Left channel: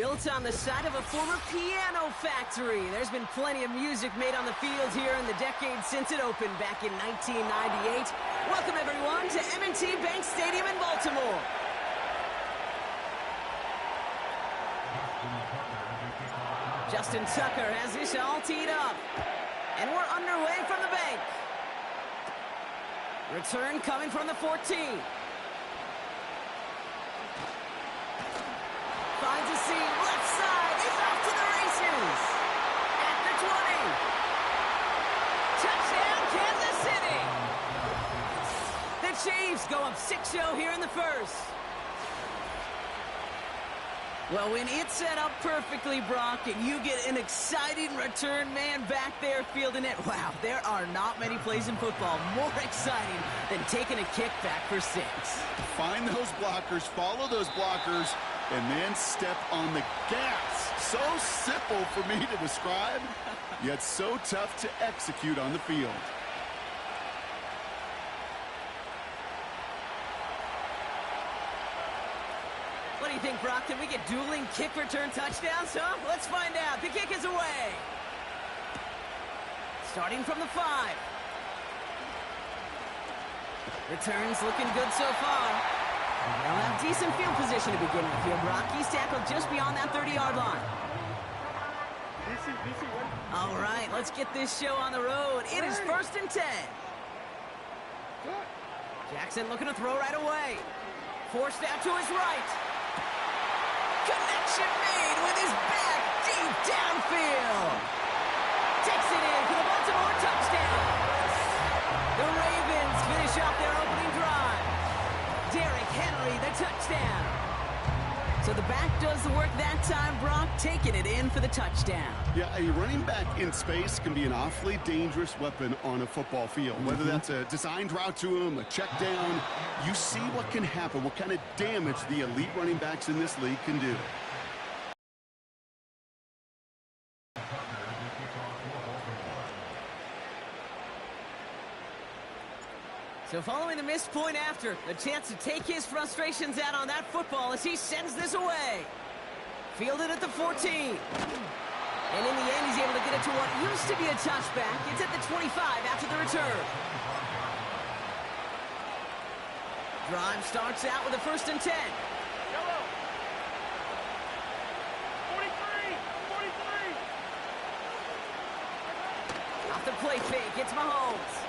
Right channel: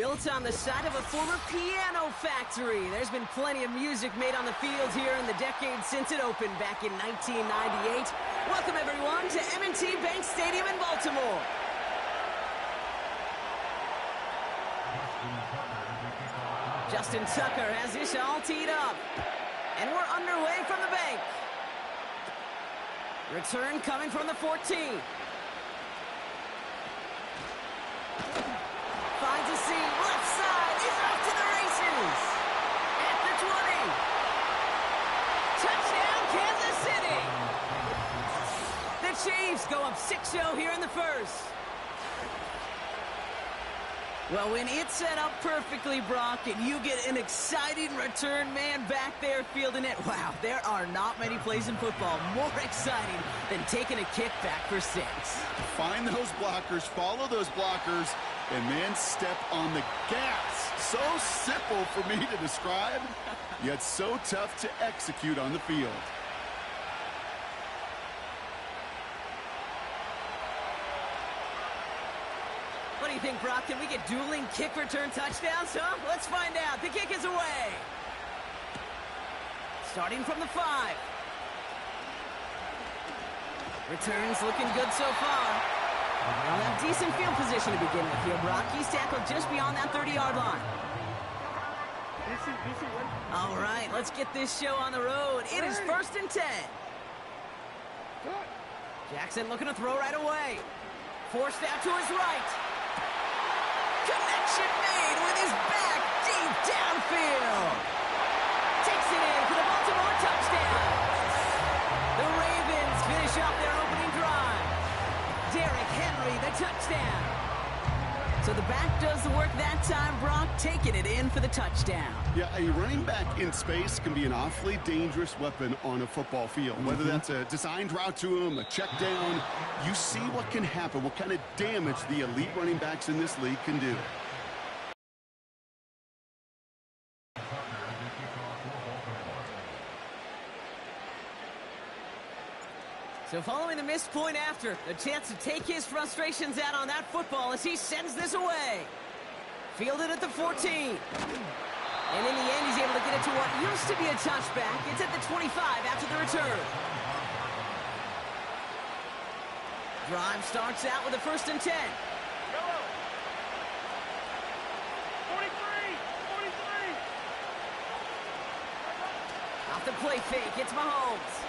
Built on the side of a former piano factory, there's been plenty of music made on the field here in the decade since it opened back in 1998. Welcome, everyone, to M&T Bank Stadium in Baltimore. Justin Tucker has this all teed up. And we're underway from the bank. Return coming from the 14. Finds a seam, left side, he's off to the races. At the 20. Touchdown, Kansas City. The Chiefs go up 6-0 here in the first. Well, when it's set up perfectly, Brock, and you get an exciting return man back there fielding it, wow, there are not many plays in football more exciting than taking a kick back for 6. Find those blockers, follow those blockers, and then step on the gas. So simple for me to describe, yet so tough to execute on the field. What do you think, Brock? Can we get dueling kick return touchdowns, huh? Let's find out. The kick is away. Starting from the 5. Returns looking good so far. They'll have decent field position to begin with here, Brock. He's tackled just beyond that 30-yard line. All right, let's get this show on the road. It is 1st and 10. Jackson looking to throw right away. Forced out to his right. Connection made with his back deep downfield. Takes it in for the Baltimore touchdown. The Ravens finish off their opening drive. Derrick Henry, the touchdown. So the back does the work that time, Brock, taking it in for the touchdown. Yeah, a running back in space can be an awfully dangerous weapon on a football field. Whether that's a designed route to him, a check down, you see what can happen, what kind of damage the elite running backs in this league can do. So following the missed point after, a chance to take his frustrations out on that football as he sends this away. Fielded at the 14. And in the end, he's able to get it to what used to be a touchback. It's at the 25 after the return. Drive starts out with a 1st and 10. Yellow. 43. Off the play fake, it's Mahomes.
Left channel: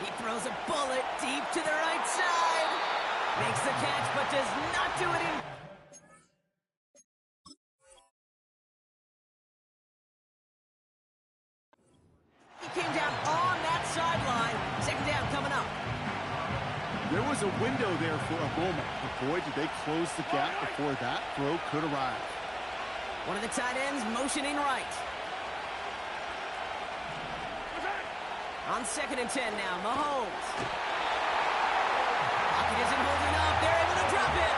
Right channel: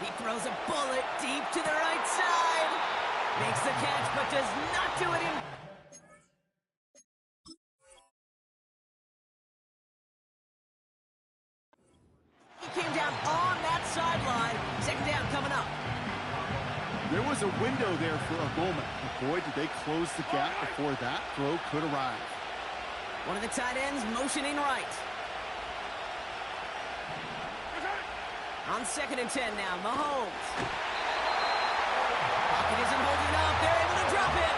He throws a bullet deep to the right side. Makes the catch, but does not do it in. He came down on that sideline. 2nd down coming up. There was a window there for a moment, but boy, did they close the gap before that throw could arrive. One of the tight ends motioning right. On 2nd and 10 now, Mahomes. Pocket isn't holding up. They're able to drop it.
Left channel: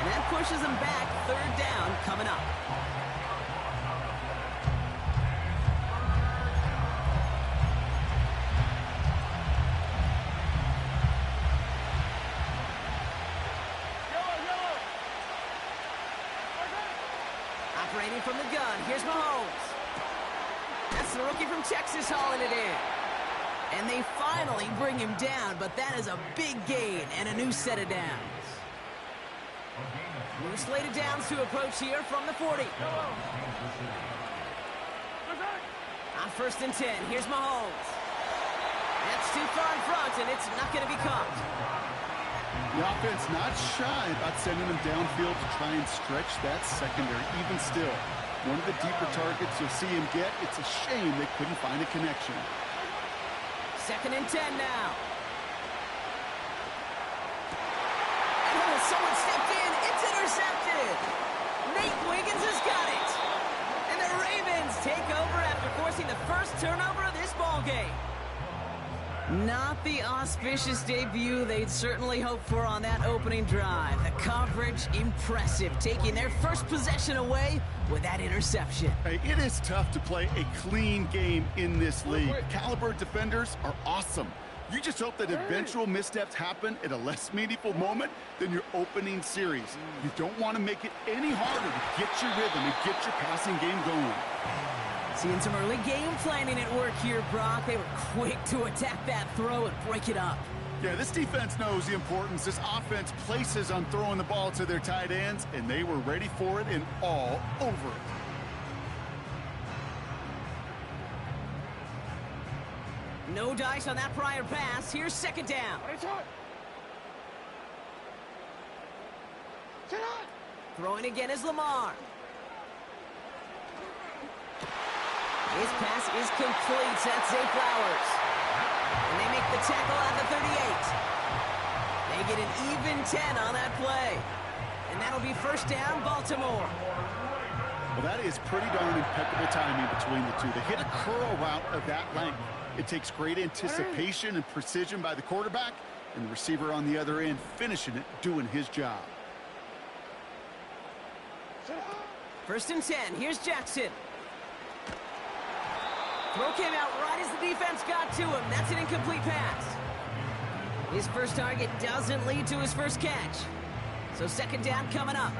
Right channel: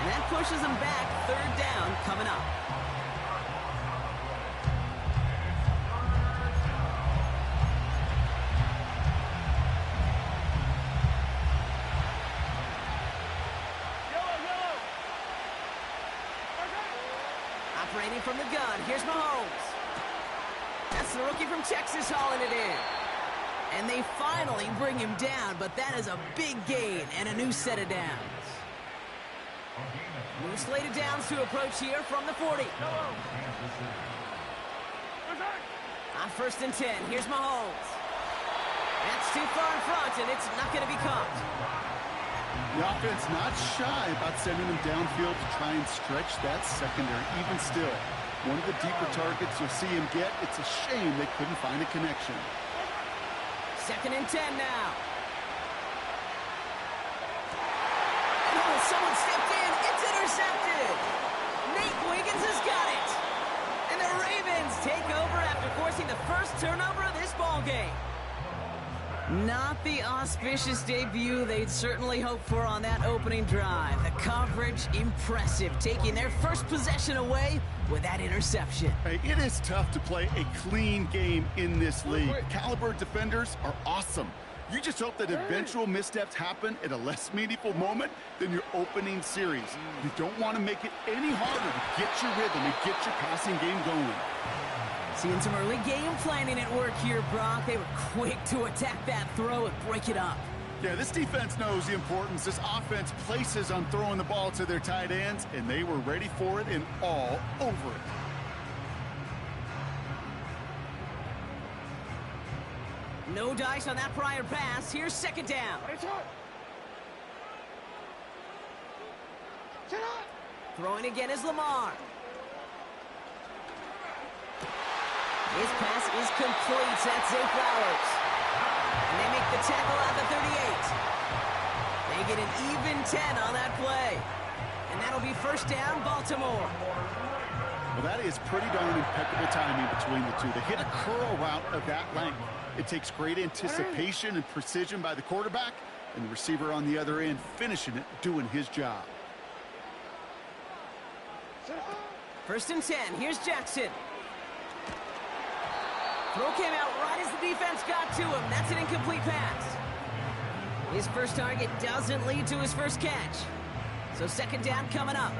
And that pushes them back. 3rd down coming up. Operating from the gun, here's Mahomes. That's the rookie from Texas hauling it in. And they finally bring him down, but that is a big gain and a new set of downs. New slate of downs to approach here from the 40. On 1st and 10, here's Mahomes. That's too far in front, and it's not going to be caught. The offense not shy about sending them downfield to try and stretch that secondary. Even still, one of the deeper targets you'll see him get. It's a shame they couldn't find a connection. 2nd and 10 now. And oh, someone stepped in. It's intercepted. Nate Wiggins has got it. And the Ravens take over after forcing the first turnover of this ball game. Not the auspicious debut they'd certainly hoped for on that opening drive. The coverage, impressive, taking their first possession away with that interception. Hey, it is tough to play a clean game in this league. Caliber defenders are awesome. You just hope that eventual missteps happen at a less meaningful moment than your opening series. You don't want to make it any harder to get your rhythm and get your passing game going. Seeing some early game planning at work here, Brock. They were quick to attack that throw and break it up. Yeah, this defense knows the importance this offense places on throwing the ball to their tight ends, and they were ready for it and all over it. No dice on that prior pass. Here's second down. Throwing again is Lamar. His pass is complete. That's Zay Flowers. And they make the tackle at the 38. They get an even 10 on that play. And that'll be first down, Baltimore. Well, that is pretty darn impeccable timing between the two. They hit a curl route of that length. It takes great anticipation and precision by the quarterback, and the receiver on the other end finishing it, doing his job. First and 10. Here's Jackson. Throw came out right as the defense got to him. That's an incomplete pass. His first target doesn't lead to his first catch. So second down coming up.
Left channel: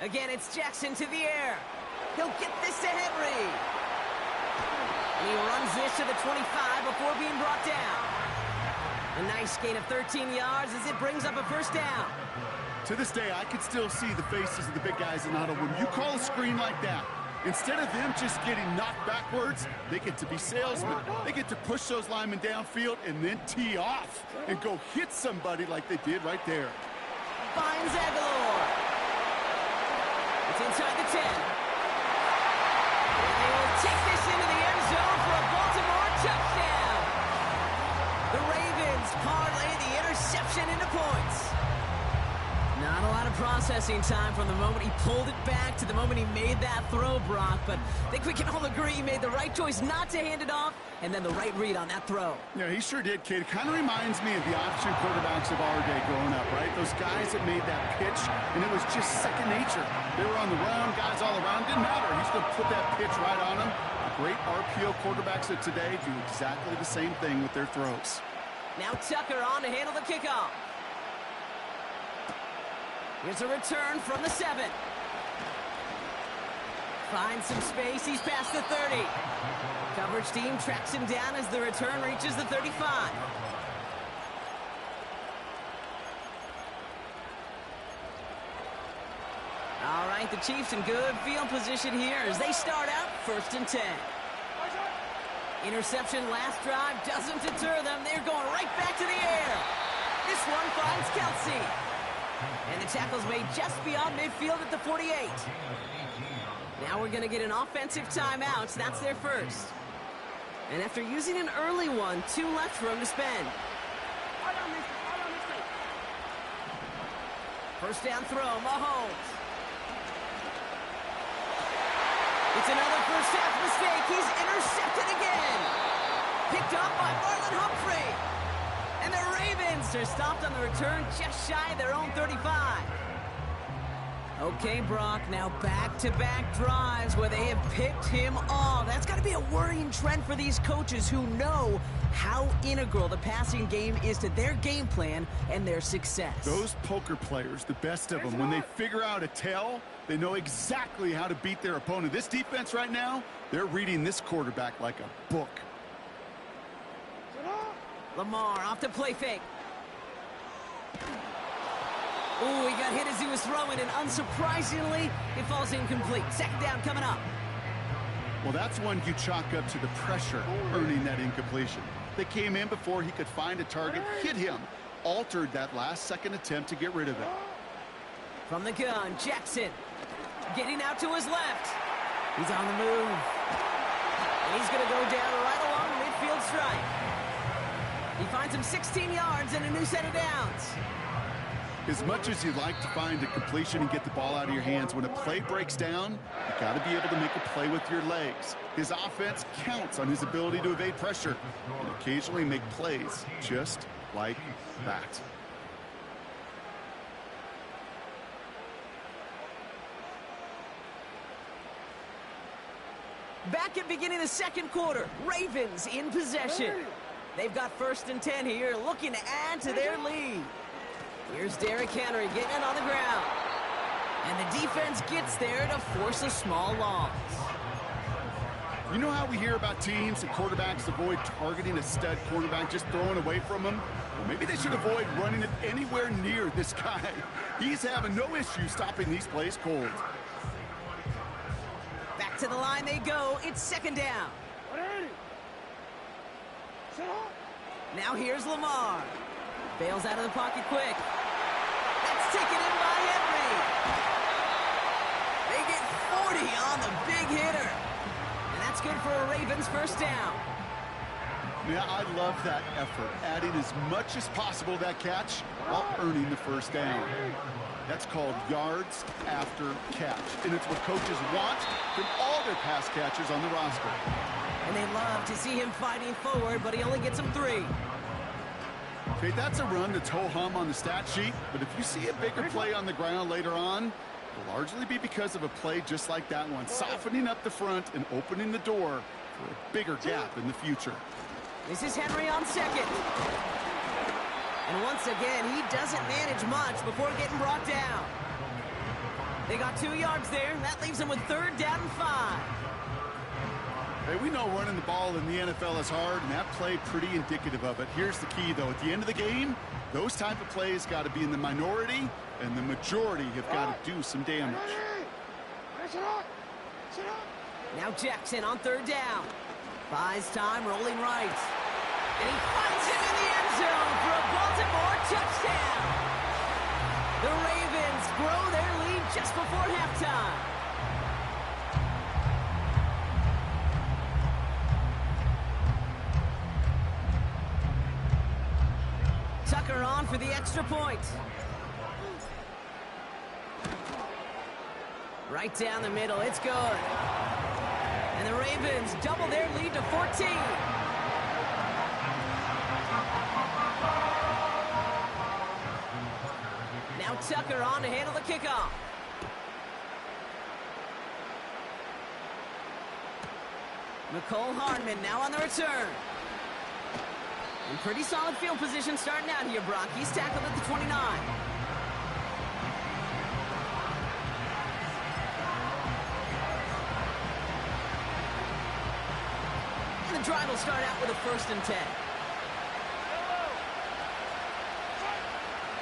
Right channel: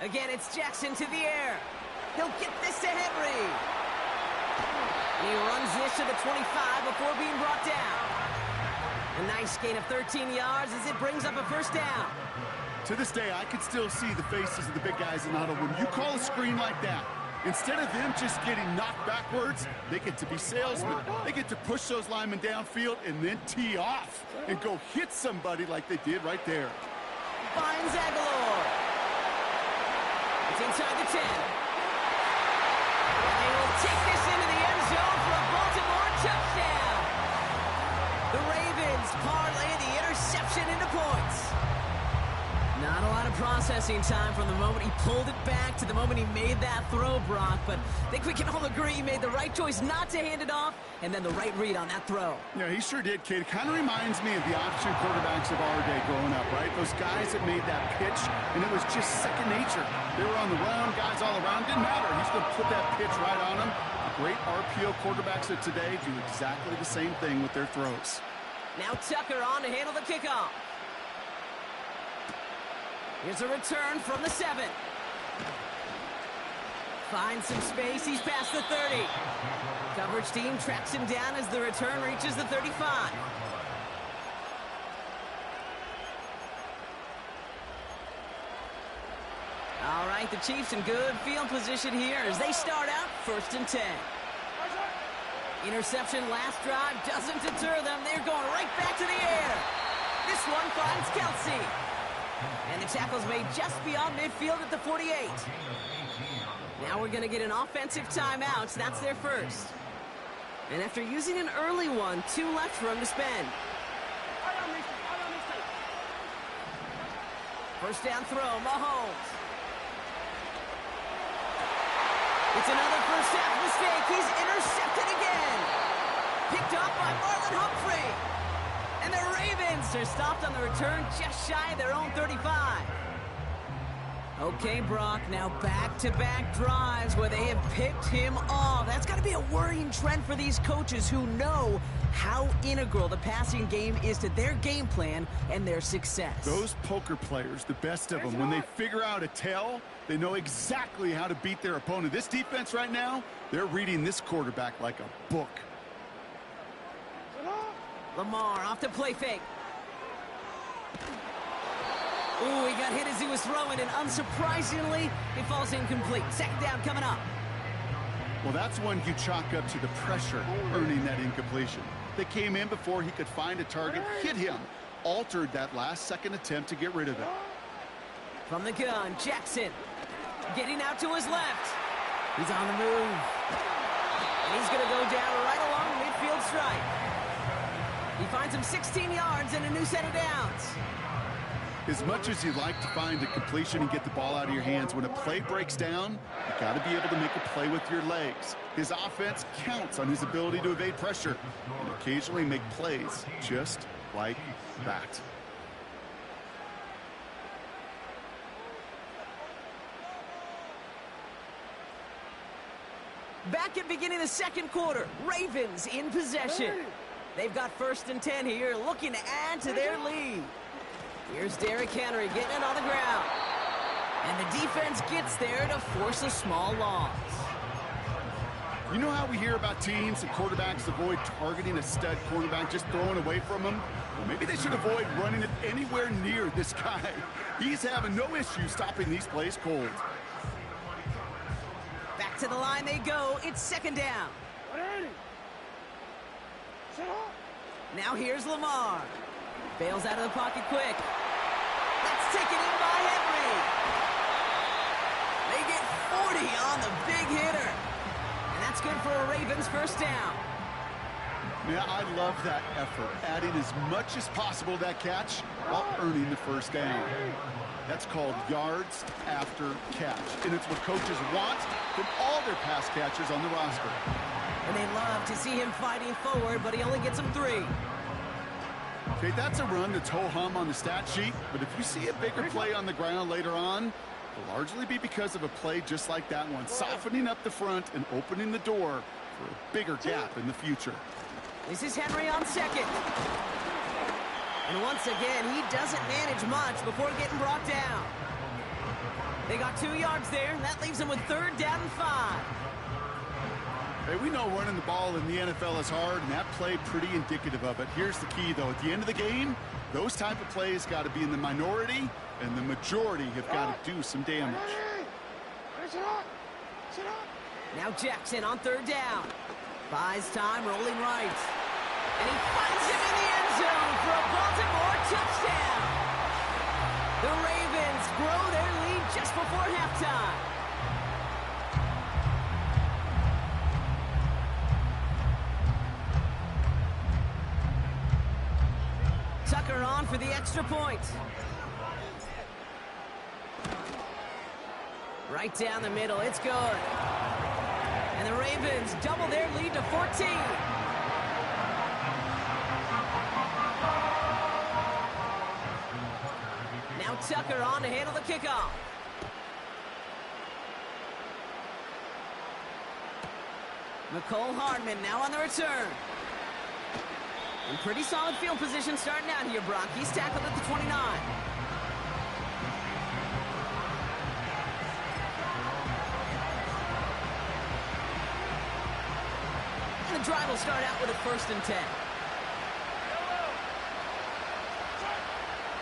Again, it's Jackson to the air. He'll get this to Henry. And he runs this to the 25 before being brought down. A nice gain of 13 yards as it brings up a first down. To this day, I can still see the faces of the big guys in the huddle. When you call a screen like that, instead of them just getting knocked backwards, they get to be salesmen. They get to push those linemen downfield and then tee off and go hit somebody like they did right there. Finds Aguilar. It's inside the 10. And they will take this into the end zone for a Baltimore touchdown. The Ravens parlay the interception into points. Not a lot of processing time from the moment he pulled it back to the moment he made that throw, Brock. But I think we can all agree he made the right choice not to hand it off, and then the right read on that throw. Yeah, he sure did, kid. Kind of reminds me of the option quarterbacks of our day growing up, right? Those guys that made that pitch, and it was just second nature. They were on the run, guys all around. Didn't matter. He's going to put that pitch right on them. The great RPO quarterbacks of today do exactly the same thing with their throws. Now Tucker on to handle the kickoff. Here's a return from the 7. Finds some space. He's past the 30. Coverage team tracks him down as the return reaches the 35. All right, the Chiefs in good field position here as they start out first and 10. Interception last drive doesn't deter them. They're going right back to the air. This one finds Kelsey. And the tackle's made just beyond midfield at the 48. Now we're going to get an offensive timeout. So that's their first. And after using an early one, 2 left for him to spend. First down throw, Mahomes. It's another first half mistake. He's intercepted again. Picked off by Marlon Humphrey. And the Ravens are stopped on the return just shy of their own 35. Okay, Brock, now back-to-back drives where they have picked him off. That's got to be a worrying trend for these coaches who know how integral the passing game is to their game plan and their success. Those poker players, the best of them, when they figure out a tell, they know exactly how to beat their opponent. This defense right now, they're reading this quarterback like a book. Lamar off the play fake. Ooh, he got hit as he was throwing, and unsurprisingly, it falls incomplete. Second down coming up. Well, that's one you chalk up to the pressure earning that incompletion. They came in before he could find a target, hit him, altered that last-second attempt to get rid of it. From the gun, Jackson getting out to his left. He's on the move. And he's going to go down right along midfield stripe. He finds him 16 yards and a new set of downs. As much as you'd like to find a completion and get the ball out of your hands, when a play breaks down, you got to be able to make a play with your legs. His offense counts on his ability to evade pressure and occasionally make plays just like that. Back at beginning of the second quarter, Ravens in possession. They've got 1st and 10 here, looking to add to their lead. Here's Derrick Henry getting it on the ground. And the defense gets there to force a small loss. You know how we hear about teams and quarterbacks avoid targeting a stud quarterback, just throwing away from him? Well, maybe they should avoid running it anywhere near this guy. He's having no issue stopping these plays cold. Back to the line they go. It's 2nd down. Now here's Lamar. Bails out of the pocket quick. That's taken in by Henry. They get 40 on the big hitter. And that's good for a Ravens 1st down. Yeah, I love that effort, adding as much as possible to that catch while earning the 1st down. That's called yards after catch, and it's what coaches want from all their pass catchers on the roster. And they love to see him fighting forward, but he only gets them 3. Okay, that's a run that's ho-hum on the stat sheet, but if you see a bigger play on the ground later on, it'll largely be because of a play just like that one, softening up the front and opening the door for a bigger gap in the future. This is Henry on 2nd. And once again, he doesn't manage much before getting brought down. They got 2 yards there. That leaves them with 3rd down and 5. Hey, we know running the ball in the NFL is hard, and that play pretty indicative of it. Here's the key, though. At the end of the game, those type of plays got to be in the minority, and the majority have got to do some damage. Now Jackson on 3rd down. Buys time, rolling right. And he finds him in the end zone for a Baltimore touchdown. The Ravens grow their lead just before halftime. Tucker on for the extra point. Right down the middle, it's good. And the Ravens double their lead to 14. Now Tucker on to handle the kickoff. Mecole Hardman now on the return. In pretty solid field position starting out here, Brock. He's tackled at the 29. And the drive will start out with a 1st and 10.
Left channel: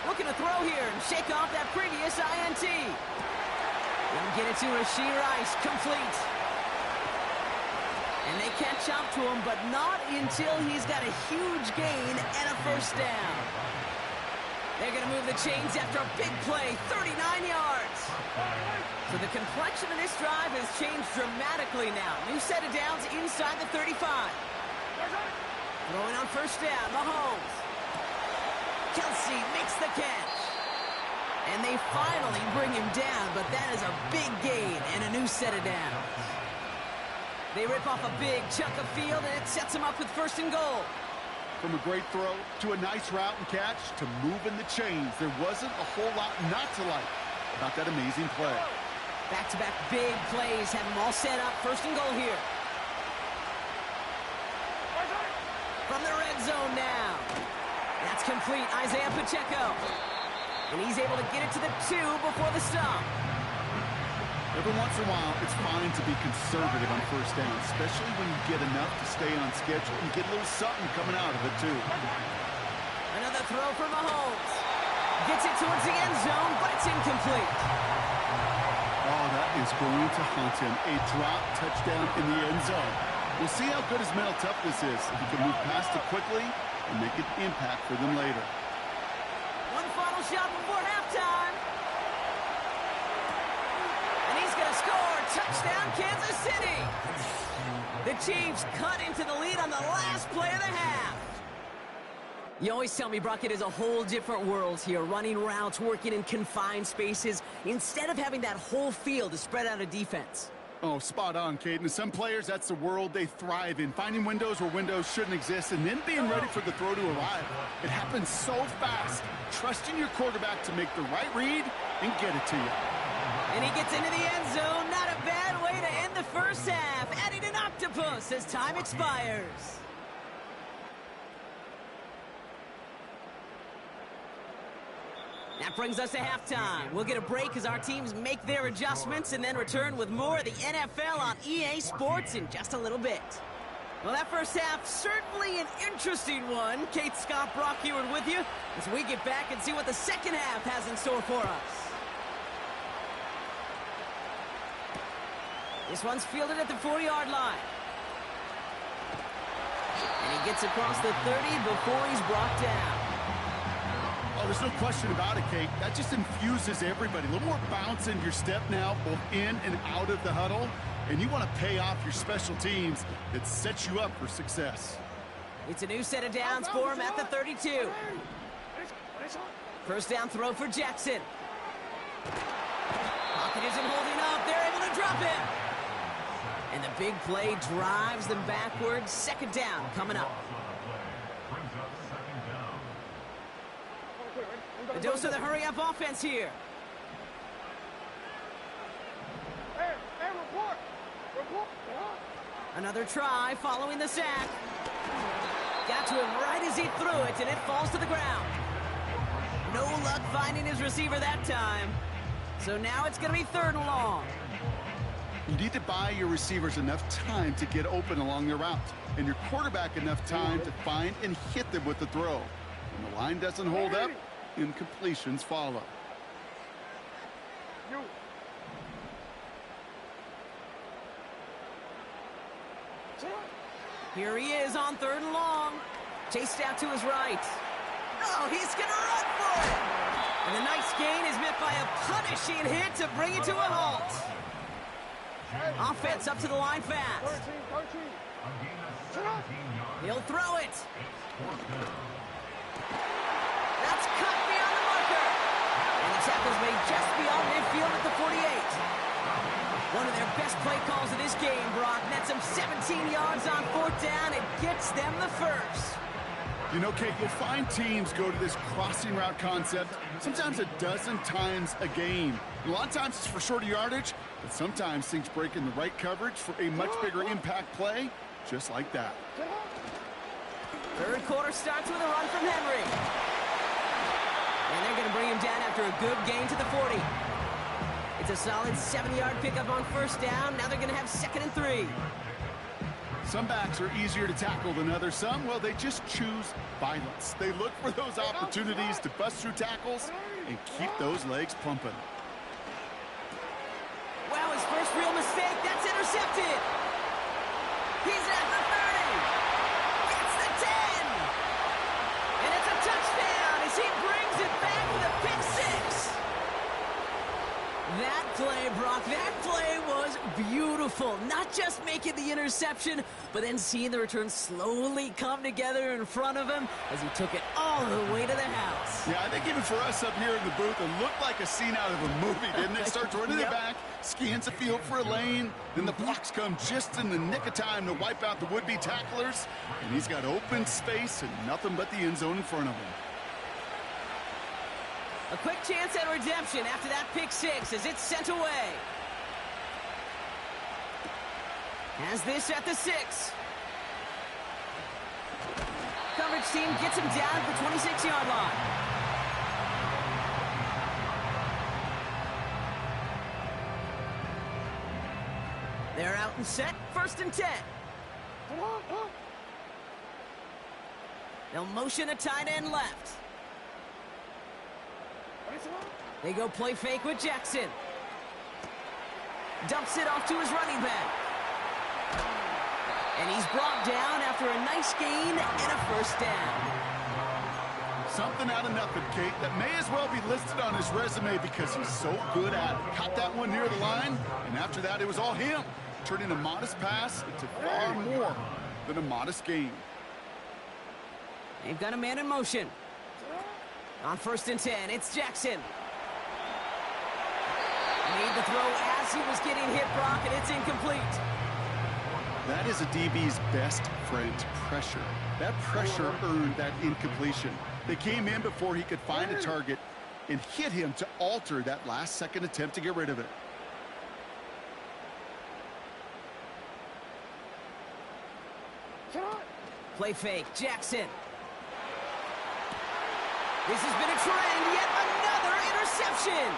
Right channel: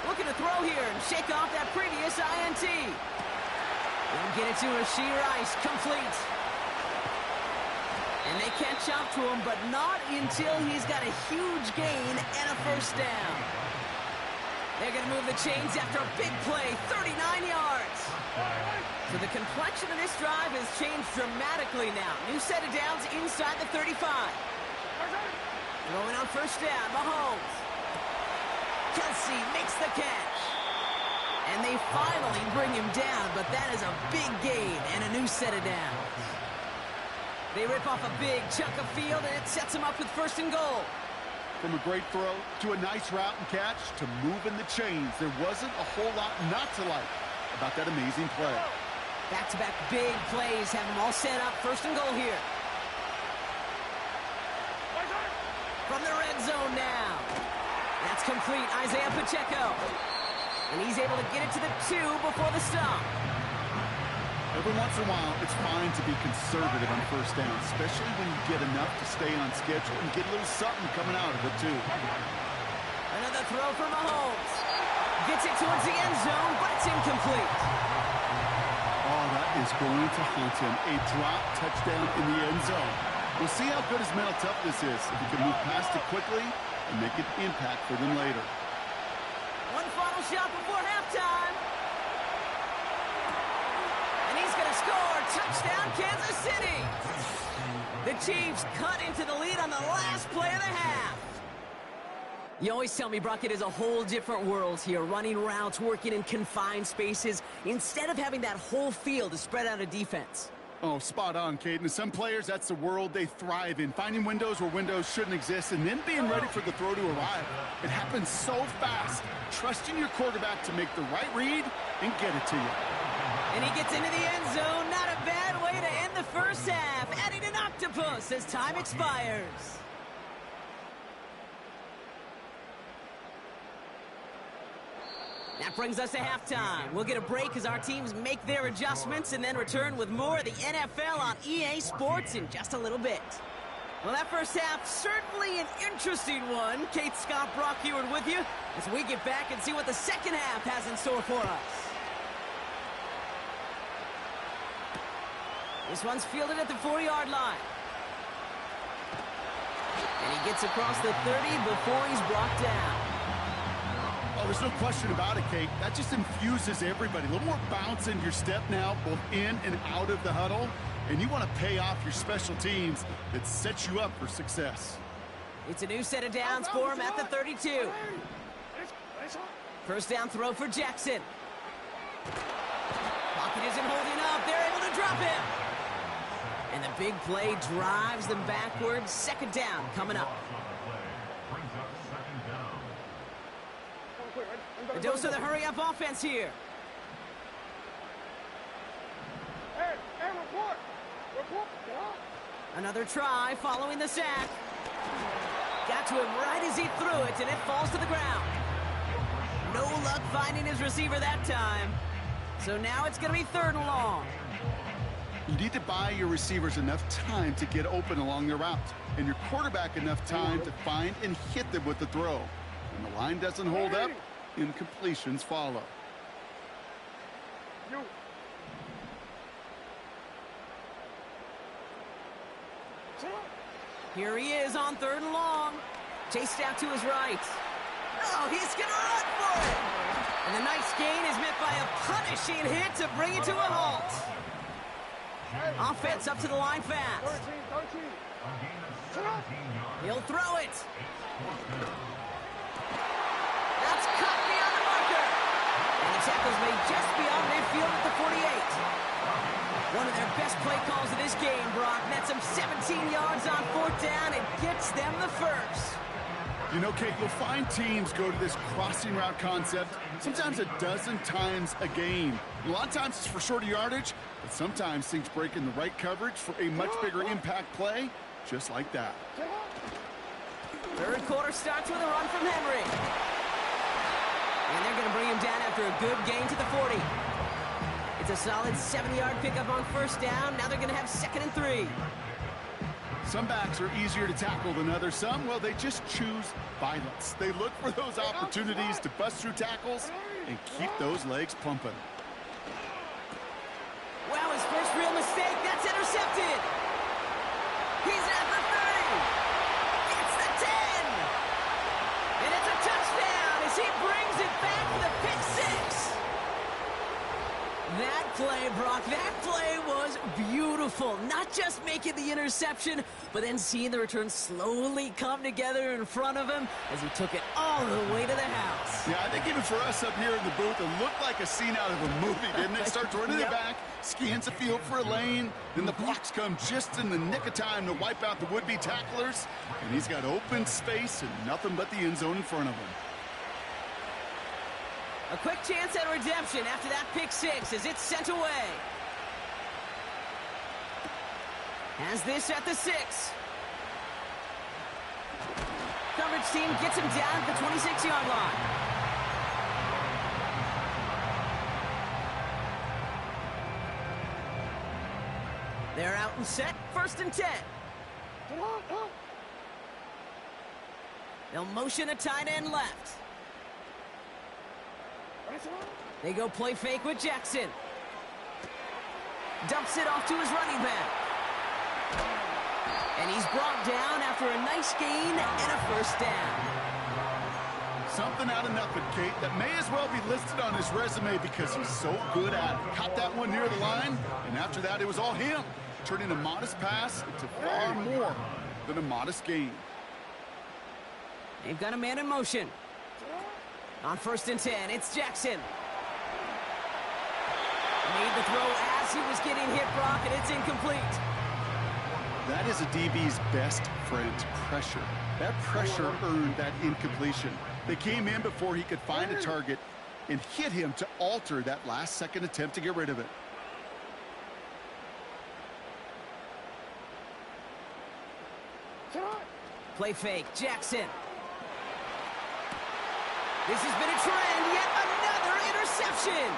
Looking to throw here and shake off that previous INT. They'll get it to Rashee Rice, complete. And they catch up to him, but not until he's got a huge gain and a 1st down. They're going to move the chains after a big play, 39 yards. So the complexion of this drive has changed dramatically now. New set of downs inside the 35. Throwing on 1st down, Mahomes. Kelsey makes the catch. And they finally bring him down, but that is a big gain and a new set of downs. They rip off a big chunk of field, and it sets them up with 1st and goal. From a great throw to a nice route and catch to moving the chains, there wasn't a whole lot not to like about that amazing play. Back-to-back big plays have them all set up. 1st and goal here. From the red zone now. That's complete. Isaiah Pacheco. And he's able to get it to the 2 before the stop. Every once in a while, it's fine to be conservative on 1st down, especially when you get enough to stay on schedule and get a little something coming out of it, too. Another throw for Mahomes. Gets it towards the end zone, but it's incomplete. Oh, that is going to haunt him. A drop touchdown in the end zone. We'll see how good his mental toughness is if he can move past it quickly and make an impact for them later. One final shot before halftime. And he's going to score. Touchdown, Kansas City. The Chiefs cut into the lead on the last play of the half. You always tell me, Brock, it is a whole different world here. Running routes, working in confined spaces, instead of having that whole field to spread out a defense. Oh, spot on, Caden. Some players, that's the world they thrive in. Finding windows where windows shouldn't exist and then being ready for the throw to arrive. It happens so fast. Trusting your quarterback to make the right read and get it to you. And he gets into the end zone. Not a bad way to end the first half. Adding an octopus as time expires. That brings us to halftime. We'll get a break as our teams make their adjustments and then return with more of the NFL on EA Sports in just a little bit. Well, that first half, certainly an interesting one. Kate, Scott, Brock Heward with you as we get back and see what the second half has in store for us. This one's fielded at the 40-yard line. And he gets across the 30 before he's brought down. Oh, there's no question about it, Kate. That just infuses everybody. A little more bounce in your step now, both in and out of the huddle. And you want to pay off your special teams that sets you up for success. It's a new set of downs for him at the 32. First down throw for Jackson. Pocket isn't holding up. They're able to drop him. And the big play drives them backwards. Second down coming up. A dose of the hurry-up offense here. Hey, report! Report! Another try following the sack. Got to him right as he threw it, and it falls to the ground. No luck finding his receiver that time. So now it's going to be third and long. You need to buy your receivers enough time to get open along their route, and your quarterback enough time to find and hit them with the throw. When the line doesn't hold up, incompletions follow. Here he is on third and long. Chased out to his right. Oh, he's going to run for it. And the nice gain is met by a punishing hit to bring it to a halt. Offense up to the line fast. He'll throw it. That's cut beyond the marker. And the tackle's made just beyond midfield at the 48. One of their best play calls of this game, Brock. Nets them 17 yards on fourth down and gets them the first. You know, Kate, you'll find teams go to this crossing route concept sometimes a dozen times a game. A lot of times it's for shorter yardage, but sometimes things break in the right coverage for a much bigger impact play, just like that. Third quarter starts with a run from Henry. And they're going to bring him down after a good gain to the 40. It's a solid 70-yard pickup on first down. Now they're going to have 2nd and 3. Some backs are easier to tackle than others. Some, well, they just choose violence. They look for those opportunities to bust through tackles and keep those legs pumping. Wow, his first real mistake. That's intercepted. He's at the 30. Gets the 10. And it's a touchdown as he brings it back with a pick 6. That play, Brock, that play was beautiful. Not just making the interception, but then seeing the return slowly come together in front of him as he took it all the way to the house. Yeah, I think even for us up here in the booth, it looked like a scene out of a movie, didn't it? Starts running it back, scans the field for a lane, then the blocks come just in the nick of time to wipe out the would-be tacklers, and he's got open space and nothing but the end zone in front of him. A quick chance at redemption after that pick 6 as it's sent away. Has this at the 6. Coverage team gets him down at the 26-yard line. They're out and set, 1st and 10. They'll motion a tight end left. They go play fake with Jackson. Dumps it off to his running back. And he's brought down after a nice gain and a first down. Something out of nothing, Kate, that may as well be listed on his resume because he's so good at it. Caught that one near the line, and after that it was all him, turning a modest pass into far more than a modest gain. They've got a man in motion. On 1st and 10, it's Jackson. Made the throw as he was getting hit, Brock, and it's incomplete. That is a DB's best friend, pressure. That pressure earned that incompletion. They came in before he could find a target, and hit him to alter that last-second attempt to get rid of it. Play fake, Jackson. This has been a trend, yet another interception.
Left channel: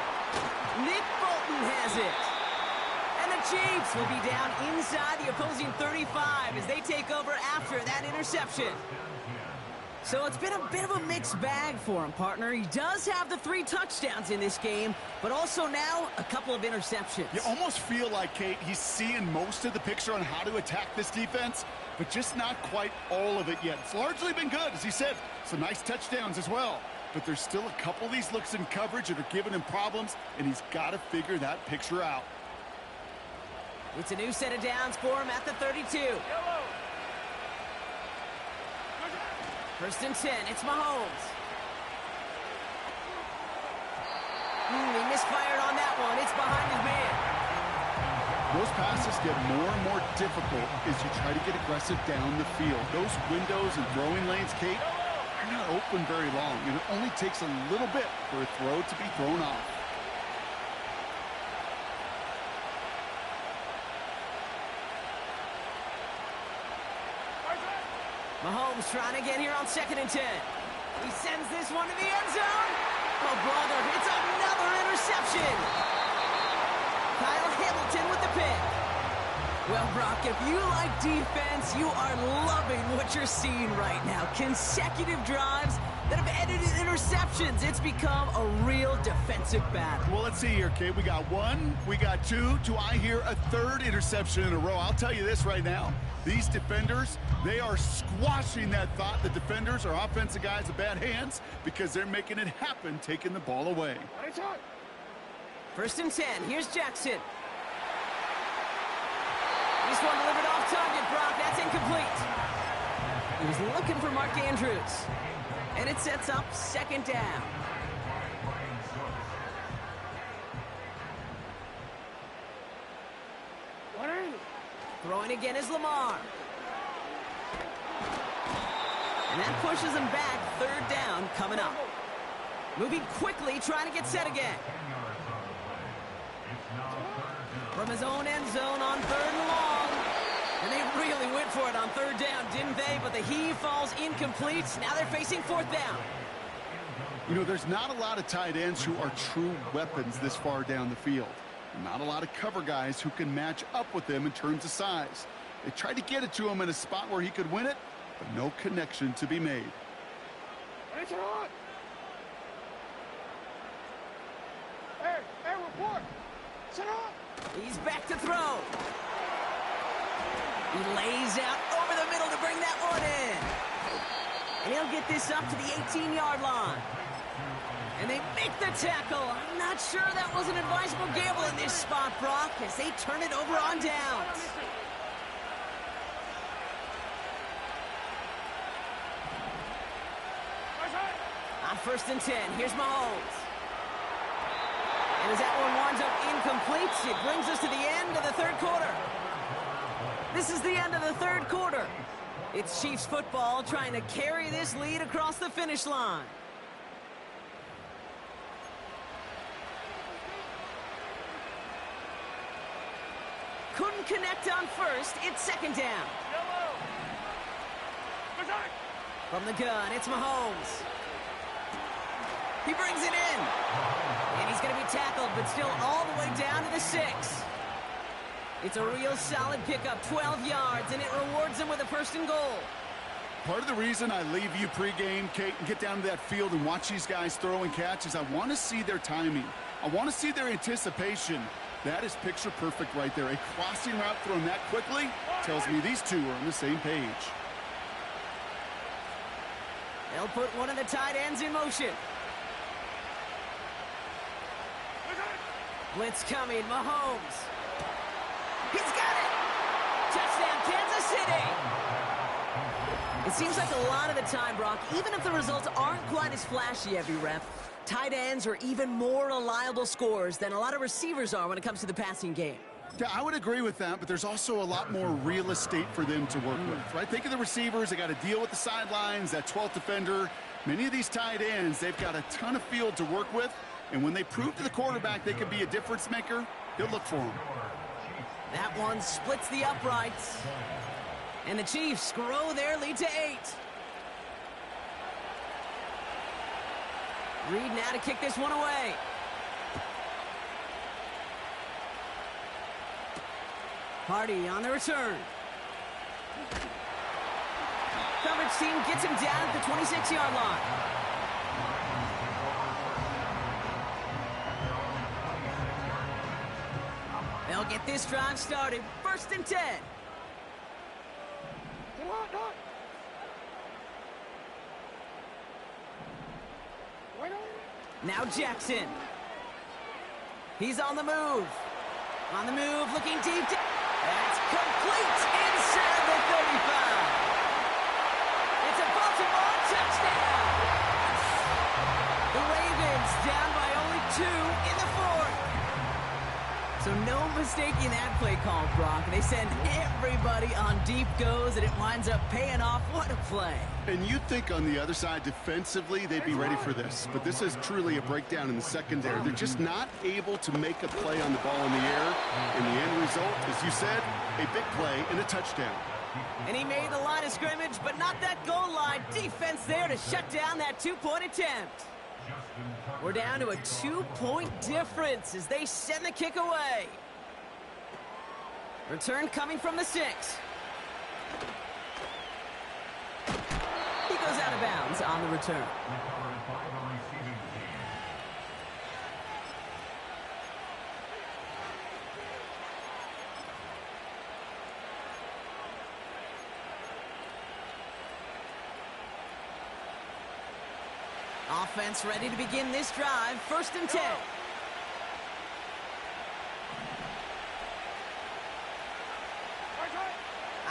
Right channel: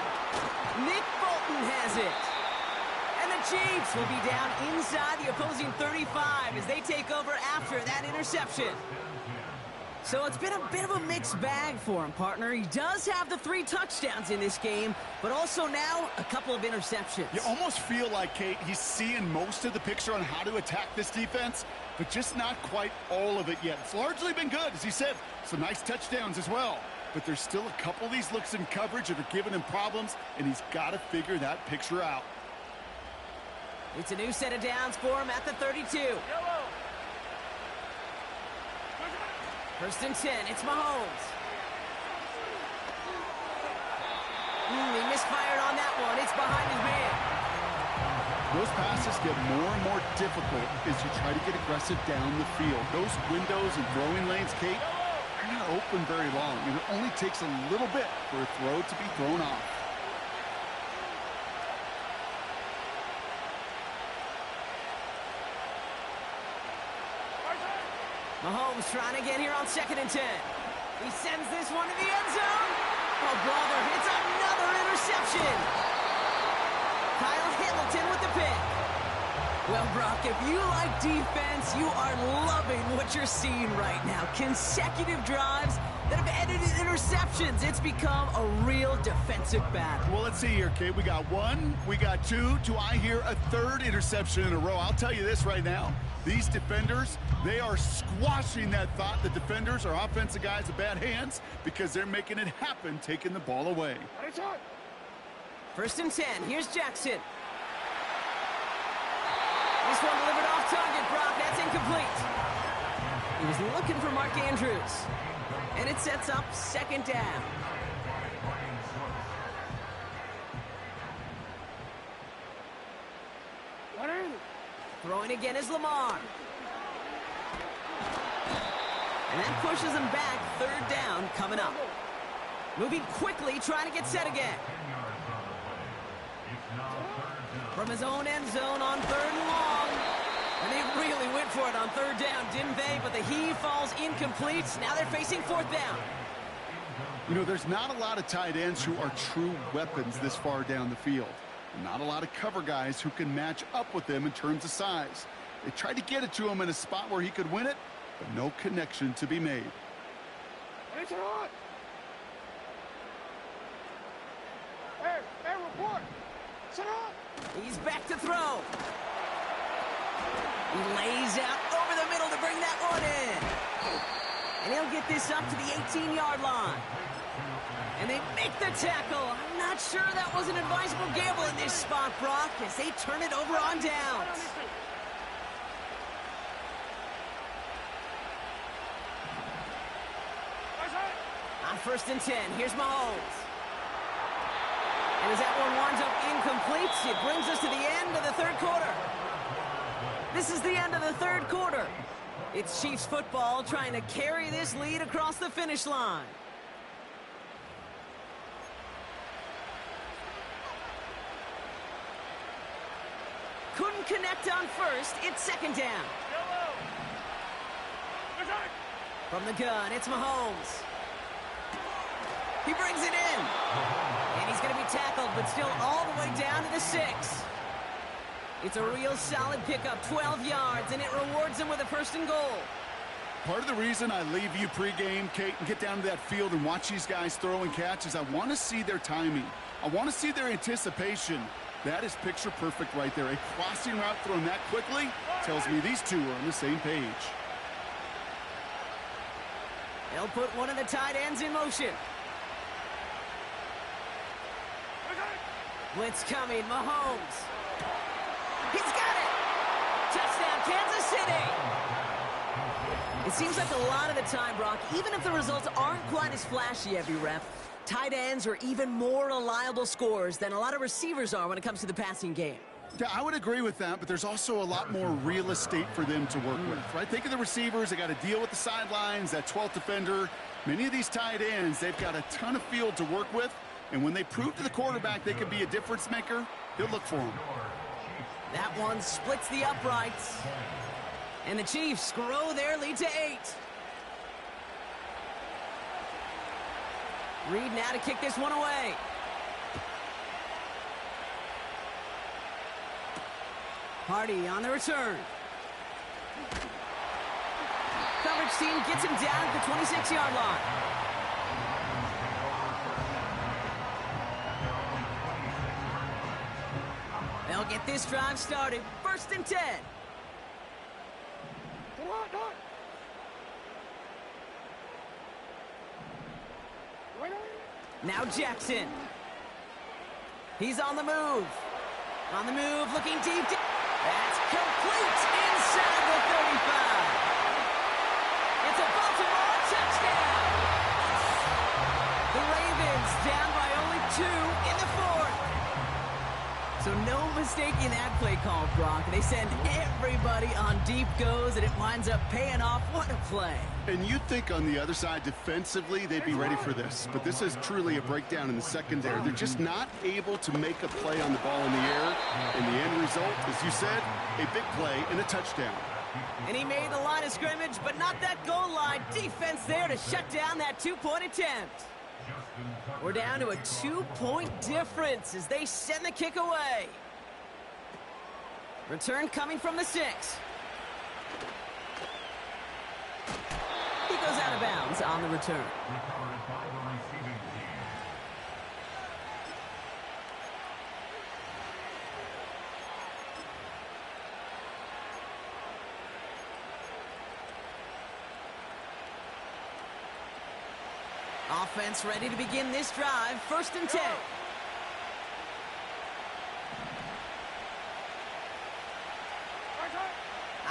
Nick Bolton has it. And the Chiefs will be down inside the opposing 35 as they take over after that interception. So it's been a bit of a mixed bag for him, partner. He does have the 3 touchdowns in this game, but also now a couple of interceptions. You almost feel like, Kate, he's seeing most of the picture on how to attack this defense, but just not quite all of it yet. It's largely been good, as he said. Some nice touchdowns as well. But there's still a couple of these looks in coverage that are giving him problems, and he's got to figure that picture out. It's a new set of downs for him at the 32. Yellow. First and 10, it's Mahomes. He misfired on that one. It's behind his man. Those passes get more and more difficult as you try to get aggressive down the field. Those windows and throwing lanes, Kate, are not open very long, and it only takes a little bit for a throw to be thrown off. Mahomes trying to get here on 2nd and 10. He sends this one to the end zone. Oh, brother, it's another interception. Kyle Hamilton with the pick. Well, Brock, if you like defense, you are loving what you're seeing right now. Consecutive drives that have ended in interceptions. It's become a real defensive battle. Well, let's see here, Kate. We got 1, we got 2. Do I hear a 3rd interception in a row? I'll tell you this right now. These defenders, they are squashing that thought. The defenders are offensive guys with bad hands because they're making it happen, taking the ball away. First and 10. Here's Jackson. This one delivered off target, Brock. That's incomplete. He was looking for Mark Andrews. And it sets up 2nd down. Throwing again is Lamar. And that pushes him back. 3rd down coming up. Moving quickly, trying to get set again. From his own end zone on 3rd and long. And they really went for it on 3rd down, didn't they? But the heave falls incomplete. Now they're facing 4th down. You know, there's not a lot of tight ends who are true weapons this far down the field. Not a lot of cover guys who can match up with them in terms of size. They tried to get it to him in a spot where he could win it, but no connection to be made. Hey, report. Sit up. He's back to throw. He lays out over the middle to bring that one in. And he'll get this up to the 18-yard line. And they make the tackle. I'm not sure that was an advisable gamble in this spot, Brock, as they turn it over on downs. On 1st and 10, here's Mahomes. And as that one winds up incomplete, it brings us to the end of the 3rd quarter. This is the end of the 3rd quarter. It's Chiefs football trying to carry this lead across the finish line. Couldn't connect on 1st. It's 2nd down. From the gun, it's Mahomes. He brings it in. And he's going to be tackled, but still all the way down to the 6. It's a real solid pickup, 12 yards, and it rewards him with a 1st and goal. Part of the reason I leave you pregame, Kate, and get down to that field and watch these guys throw and catch is I want to see their timing. I want to see their anticipation. That is picture perfect right there. A crossing route thrown that quickly tells me these two are on the same page. They'll put one of the tight ends in motion. Blitz coming, Mahomes. He's got it! Touchdown, Kansas City! It seems like a lot of the time, Brock, even if the results aren't quite as flashy every rep, tight ends are even more reliable scorers than a lot of receivers are when it comes to the passing game. Yeah, I would agree with that, but there's also a lot more real estate for them to work with, right? Think of the receivers. They got to deal with the sidelines, that 12th defender. Many of these tight ends, they've got a ton of field to work with, and when they prove to the quarterback they can be a difference maker, he'll look for them. That one splits the uprights. And the Chiefs grow their lead to 8. Reed now to kick this one away. Hardy on the return. Coverage team gets him down at the 26-yard line. They'll get this drive started. 1st and 10. Now Jackson. He's on the move. On the move, looking deep. That's complete inside the 35. It's a Baltimore touchdown. The Ravens down by only 2 in the 4th. So no mistaking that play call, Brock. They send everybody on deep goes, and it winds up paying off. What a play. And you'd think on the other side, defensively, they'd be ready for this. But this is truly a breakdown in the secondary. They're just not able to make a play on the ball in the air. And the end result, as you said, a big play and a touchdown. And he made the line of scrimmage, but not that goal line. Defense there to shut down that 2-point attempt. We're down to a 2-point difference as they send the kick away. Return coming from the 6. He goes out of bounds on the return. Offense ready to begin this drive. 1st and 10.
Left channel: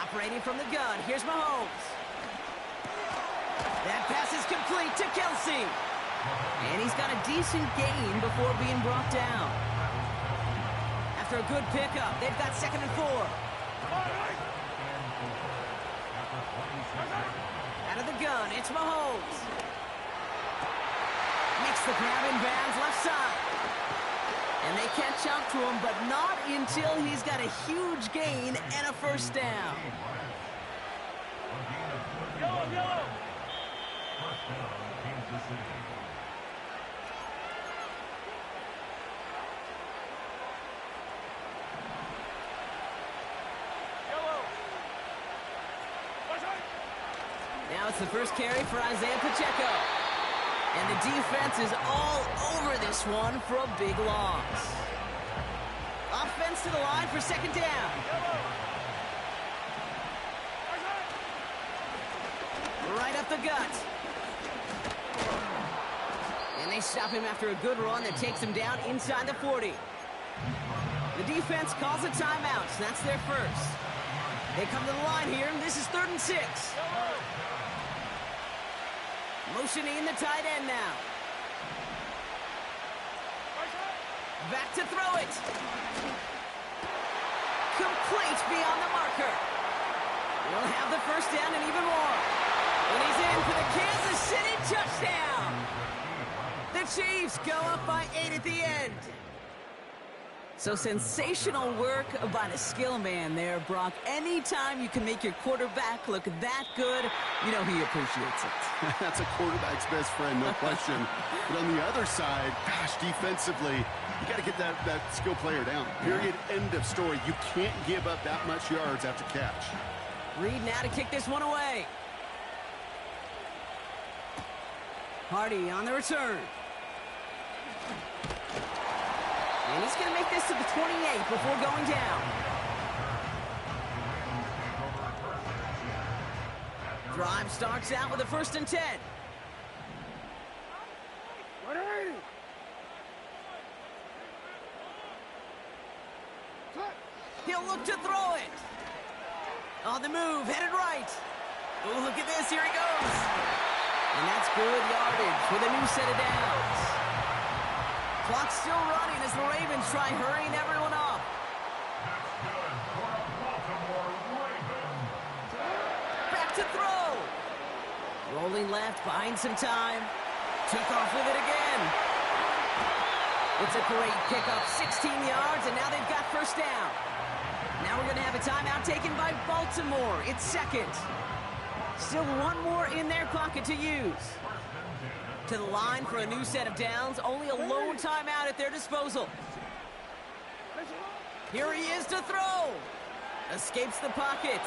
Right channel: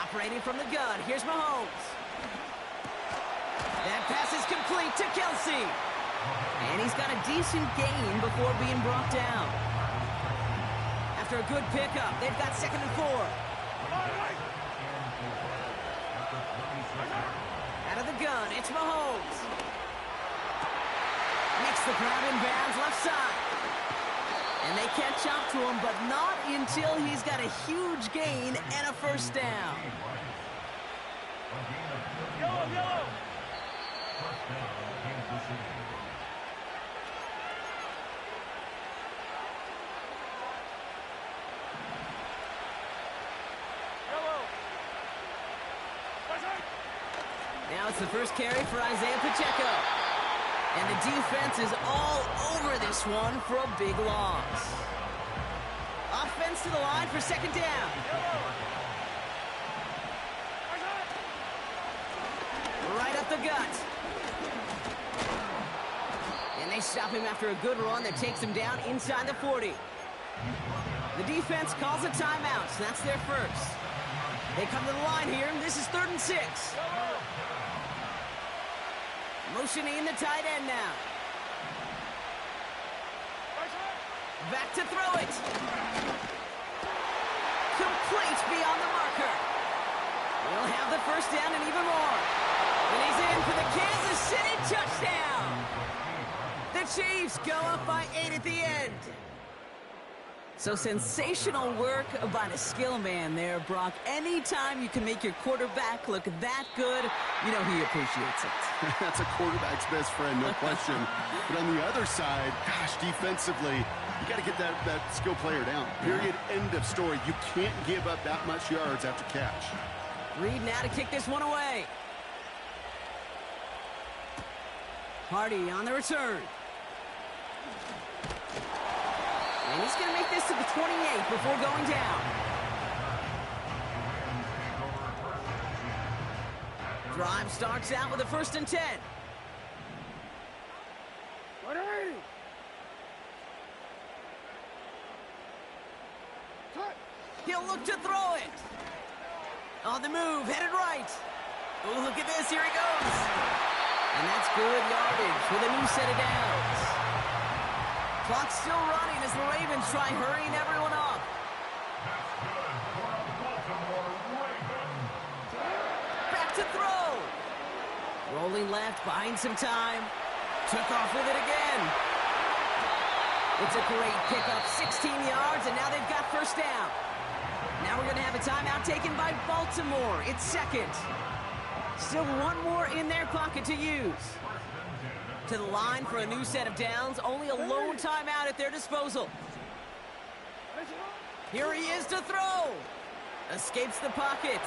Operating from the gun. Here's Mahomes. That pass is complete to Kelsey. And he's got a decent gain before being brought down. After a good pickup, they've got 2nd and 4. Out of the gun, it's Mahomes. Makes the grab in bounds left side. And they catch up to him, but not until he's got a huge gain and a 1st down. Yellow, yellow. Now it's the first carry for Isaiah Pacheco. And the defense is all over this one for a big loss. Offense to the line for 2nd down. Right up the gut. And they stop him after a good run that takes him down inside the 40. The defense calls a timeout. So that's their first. They come to the line here, and this is 3rd and 6. Motioning the tight end now. Back to throw it. Complete beyond the marker. He'll have the 1st down and even more. And he's in for the Kansas City touchdown. The Chiefs go up by 8 at the end. So sensational work by the skill man there, Brock. Anytime you can make your quarterback look that good, you know he appreciates it. That's a quarterback's best friend, no question. But on the other side, gosh, defensively, you got to get that skill player down. Period, end of story. You can't give up that much yards after catch. Reed now to kick this one away. Hardy on the return. And he's going to make this to the 28 before going down. Drive starts out with a 1st and 10. He'll look to throw it. On the move, headed right. Oh, look at this, here he goes. And that's good yardage with a new set of downs. Clock's still running as the Ravens try hurrying everyone up. to throw. Rolling left, buying some time. Took off with it again. It's a great pickup, 16 yards, and now they've got first down. Now we're going to have a timeout taken by Baltimore. It's second. Still one more in their pocket to use. To the line for a new set of downs. Only a lone timeout at their disposal. Here he is to throw. Escapes the pocket.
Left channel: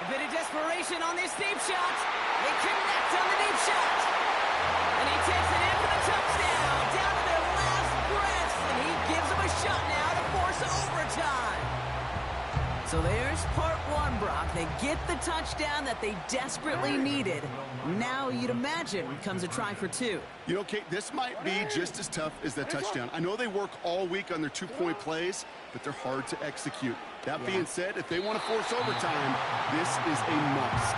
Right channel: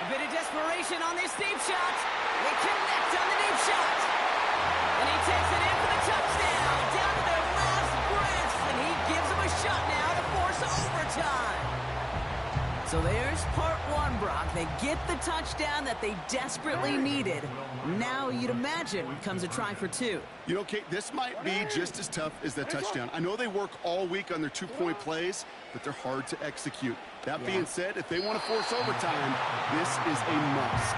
A bit of desperation on this deep shot. They connect on the deep shot. And he takes it in for the touchdown. Down to their last breaths. And he gives them a shot now to force overtime. So there's part one, Brock. They get the touchdown that they desperately needed. Now you'd imagine comes a try for two. You know, Kate, this might be just as tough as that touchdown. I know they work all week on their two-point plays, but they're hard to execute. That being said, if they want to force overtime, this is a must.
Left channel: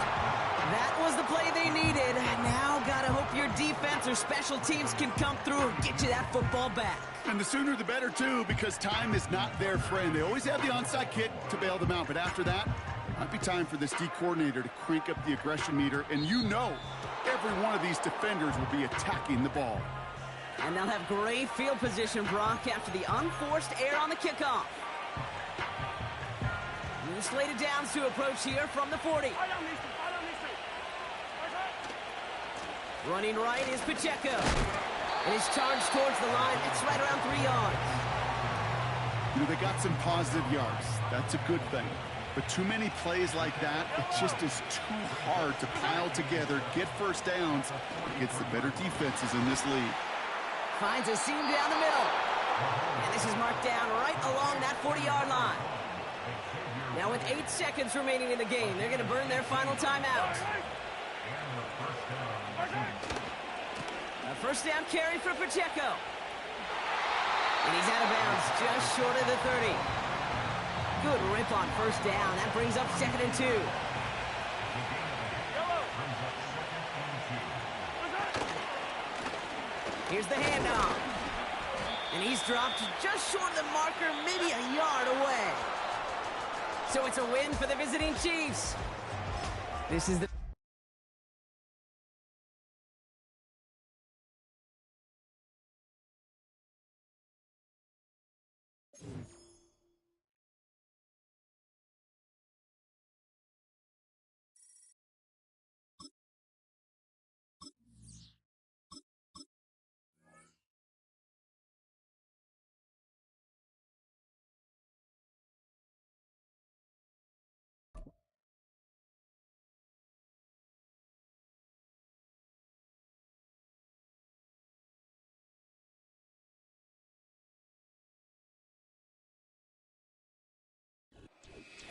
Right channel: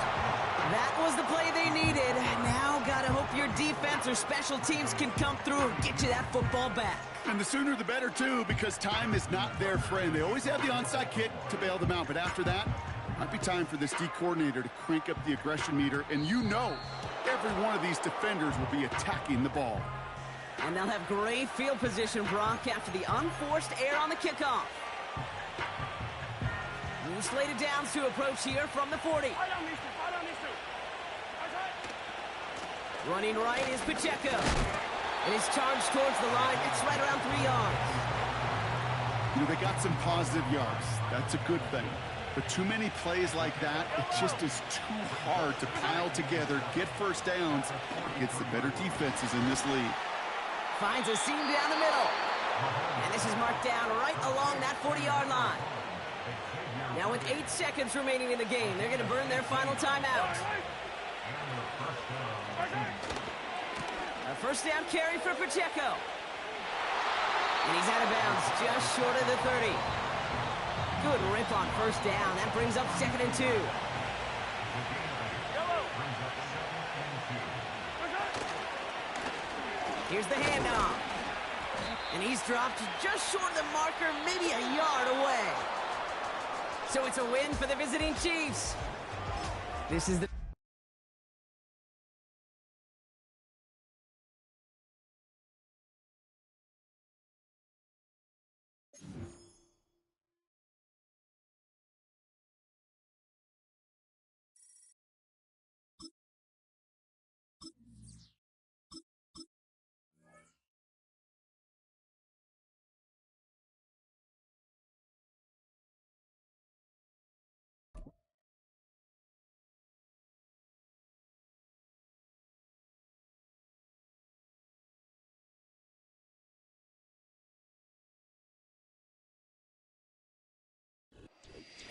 That was the play they needed. Now gotta hope your defense or special teams can come through and get you that football back. And the sooner the better, too, because time is not their friend. They always have the onside kick to bail them out, but after that, it might be time for this D coordinator to crank up the aggression meter, and you know every one of these defenders will be attacking the ball. And they'll have great field position, Brock, after the unforced error on the kickoff. New slated downs to approach here from the 40. Running right is Pacheco. And his charge towards the line, it's right around 3 yards. You know, they got some positive yards. That's a good thing. But too many plays like that, it just is too hard to pile together, get first downs against the better defenses in this league. Finds a seam down the middle. And this is marked down right along that 40-yard line. Now with 8 seconds remaining in the game, they're going to burn their final timeout. A first down carry for Pacheco. And he's out of bounds just short of the 30. Good rip on first down. That brings up 2nd and 2. Here's the handoff. And he's dropped just short of the marker, maybe a yard away. So it's a win for the visiting Chiefs. This is the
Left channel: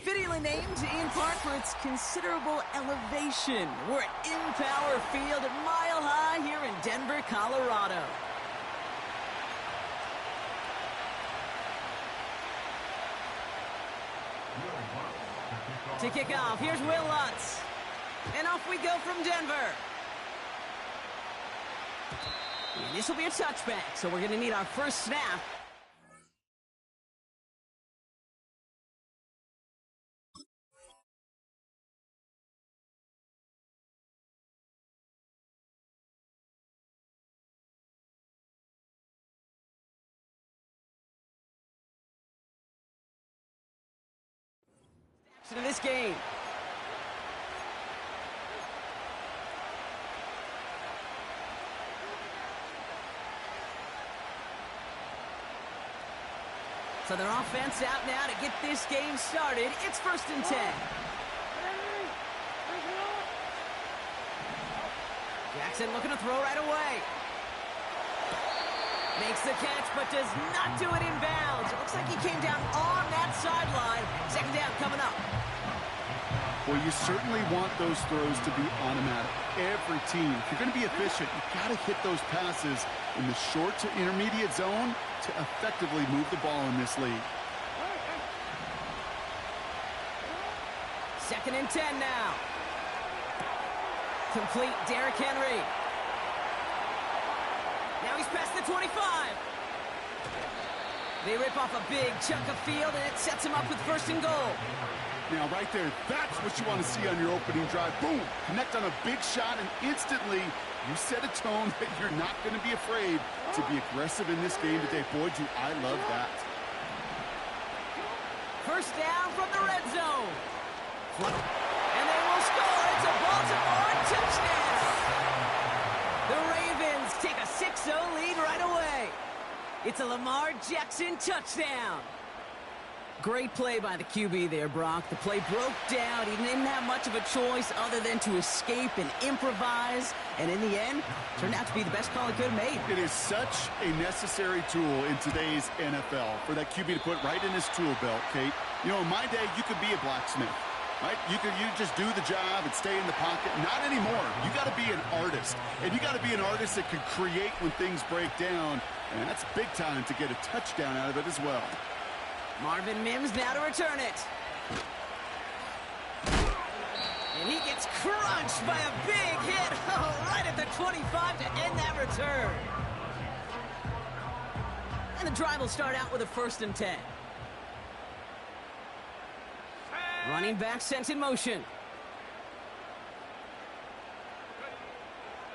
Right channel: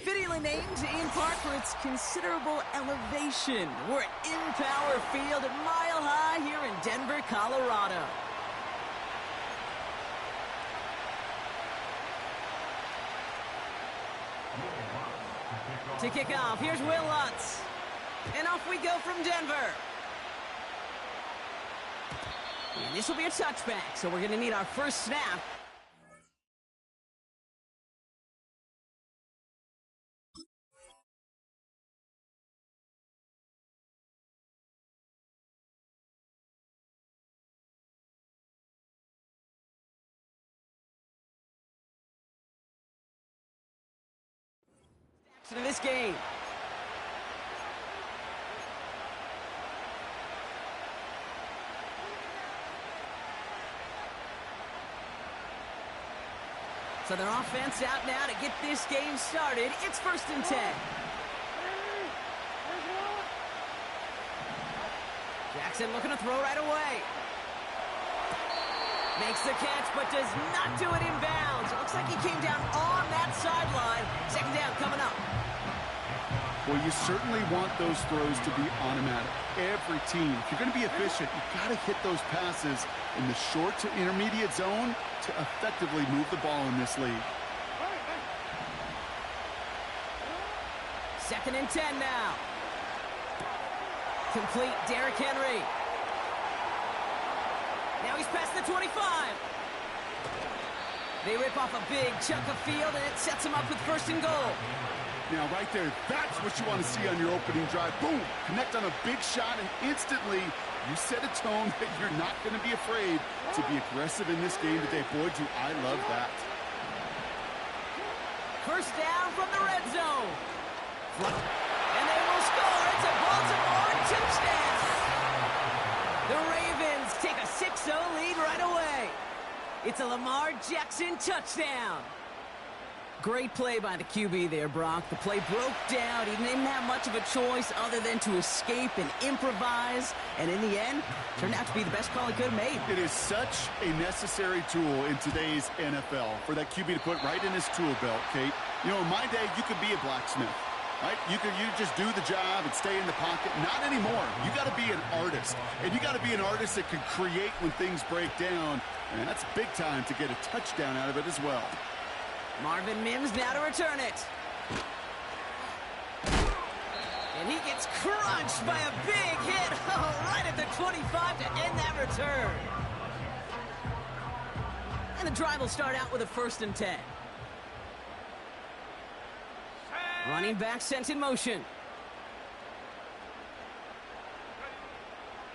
fittingly named in part for its considerable elevation. We're at Empower Field at Mile High here in Denver, Colorado. To kick off, here's Will Lutz. And off we go from Denver. And this will be a touchback, so we're going to need our first snap. To this game. So their offense out now to get this game started. It's 1st and 10. Jackson looking to throw right away. Makes the catch, but does not do it in bounds. It looks like he came down on that sideline. 2nd down coming up. Well, you certainly want those throws to be automatic. Every team, if you're going to be efficient, you've got to hit those passes in the short to intermediate zone to effectively move the ball in this league. 2nd and 10 now. Complete Derrick Henry. Now he's past the 25. They rip off a big chunk of field, and it sets them up with 1st and goal. Now, right there, that's what you want to see on your opening drive. Boom! Connect on a big shot, and instantly you set a tone that you're not going to be afraid to be aggressive in this game today. Boy, do I love that. 1st down from the red zone. And they will score. It's a Baltimore touchdown. The Ravens take a 6-0 lead right away. It's a Lamar Jackson touchdown. Great play by the QB there, Brock. The play broke down. He didn't have much of a choice other than to escape and improvise. And in the end, turned out to be the best call he could have made. It is such a necessary tool in today's NFL for that QB to put right in his tool belt, Kate. You know, in my day, you could be a blacksmith, right? You just do the job and stay in the pocket. Not anymore. You got to be an artist. And you got to be an artist that can create when things break down. And that's big time to get a touchdown out of it as well. Marvin Mims now to return it. And he gets crunched by a big hit. Oh, right at the 25 to end that return. And the drive will start out with a 1st and 10. Running back sent in motion.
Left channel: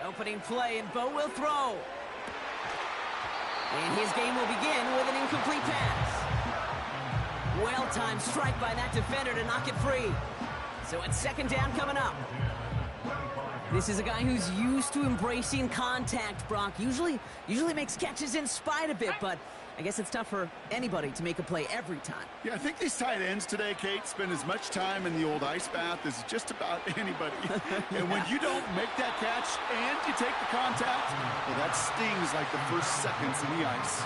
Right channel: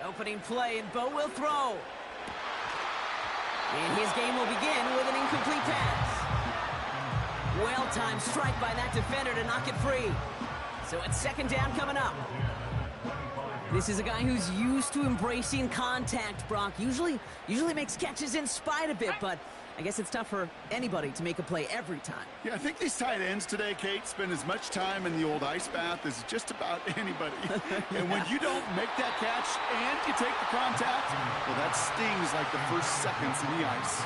Opening play, and Bo will throw. And his game will begin with an incomplete pass. Well-timed strike by that defender to knock it free. So it's 2nd down coming up. This is a guy who's used to embracing contact, Brock. Usually makes catches in spite of it, but I guess it's tough for anybody to make a play every time. Yeah, I think these tight ends today, Kate, spend as much time in the old ice bath as just about anybody. And when you don't make that catch and you take the contact, well, that stings like the first seconds in the ice.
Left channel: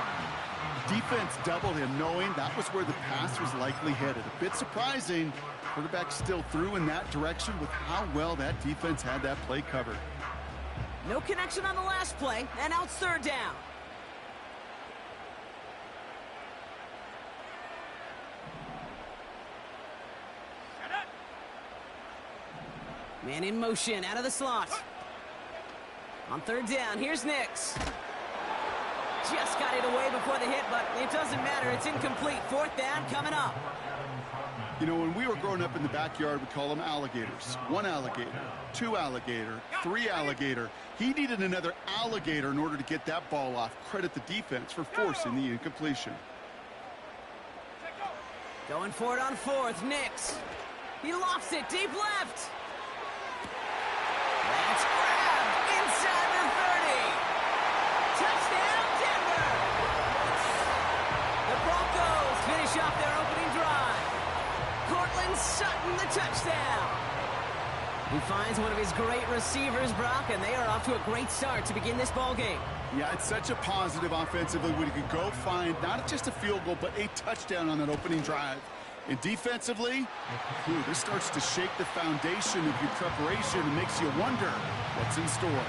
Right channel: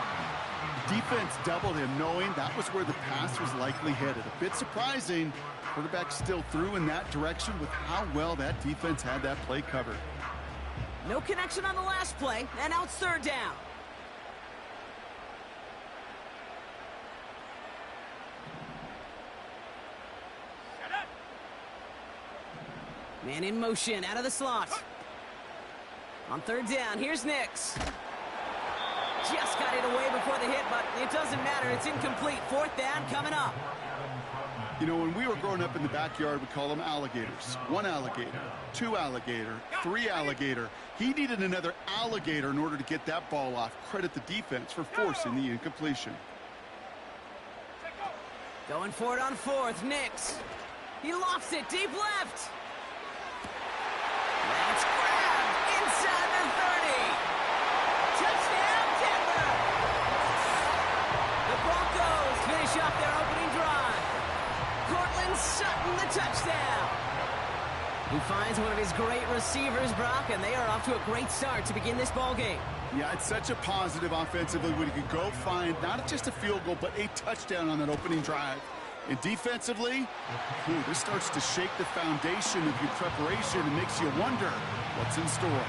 Defense doubled him, knowing that was where the pass was likely headed. A bit surprising. Quarterback still threw in that direction with how well that defense had that play covered. No connection on the last play, and now it's 3rd down. Man in motion, out of the slot. On 3rd down, here's Nix. Just got it away before the hit, but it doesn't matter. It's incomplete. 4th down coming up. You know, when we were growing up in the backyard, we call them alligators. 1 alligator, 2 alligator, 3 alligator. He needed another alligator in order to get that ball off. Credit the defense for forcing the incompletion. Going for it on 4th, Nix. He lofts it deep left. That's grabbed inside the 30. Touchdown, Denver! The Broncos finish off their opening drive. Cortland Sutton, the touchdown. He finds one of his great receivers, Brock, and they are off to a great start to begin this ball game. Yeah, it's such a positive offensively when you can go find not just a field goal, but a touchdown on that opening drive. And defensively, this starts to shake the foundation of your preparation and makes you wonder what's in store.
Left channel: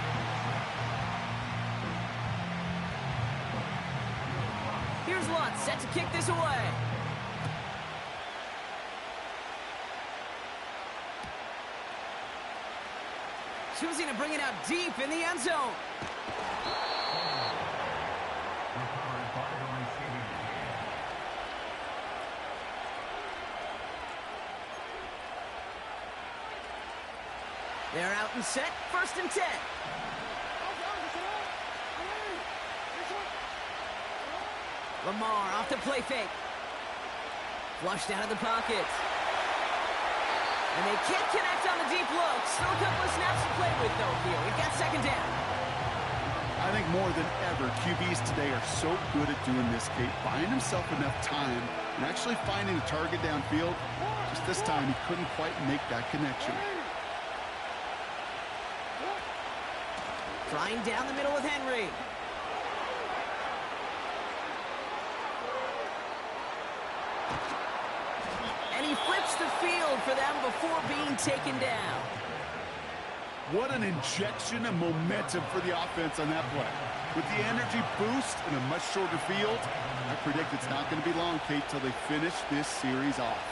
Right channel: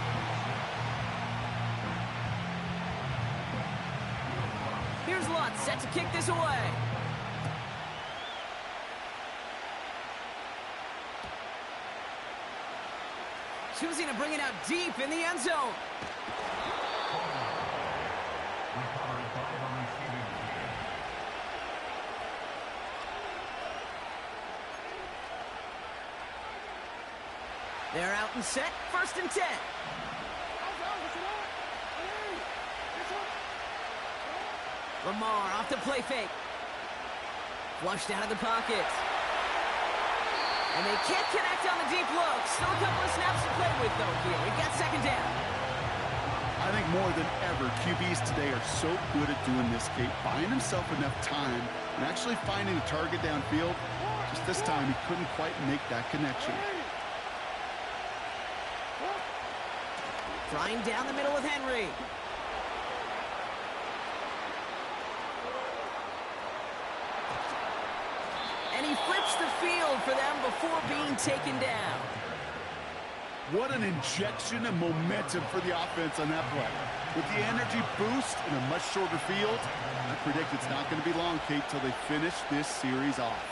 Here's Lutz set to kick this away. Choosing to bring it out deep in the end zone. They're out and set, 1st and 10. Lamar off the play fake. Flushed out of the pocket. And they can't connect on the deep look. Still a couple of snaps to play with, though, here. We've got 2nd down. I think more than ever, QBs today are so good at doing this, Kate, buying himself enough time and actually finding a target downfield. Just this time, he couldn't quite make that connection. Flying down the middle with Henry. And he flips the field for them before being taken down. What an injection of momentum for the offense on that play. With the energy boost in a much shorter field, I predict it's not going to be long, Kate, till they finish this series off.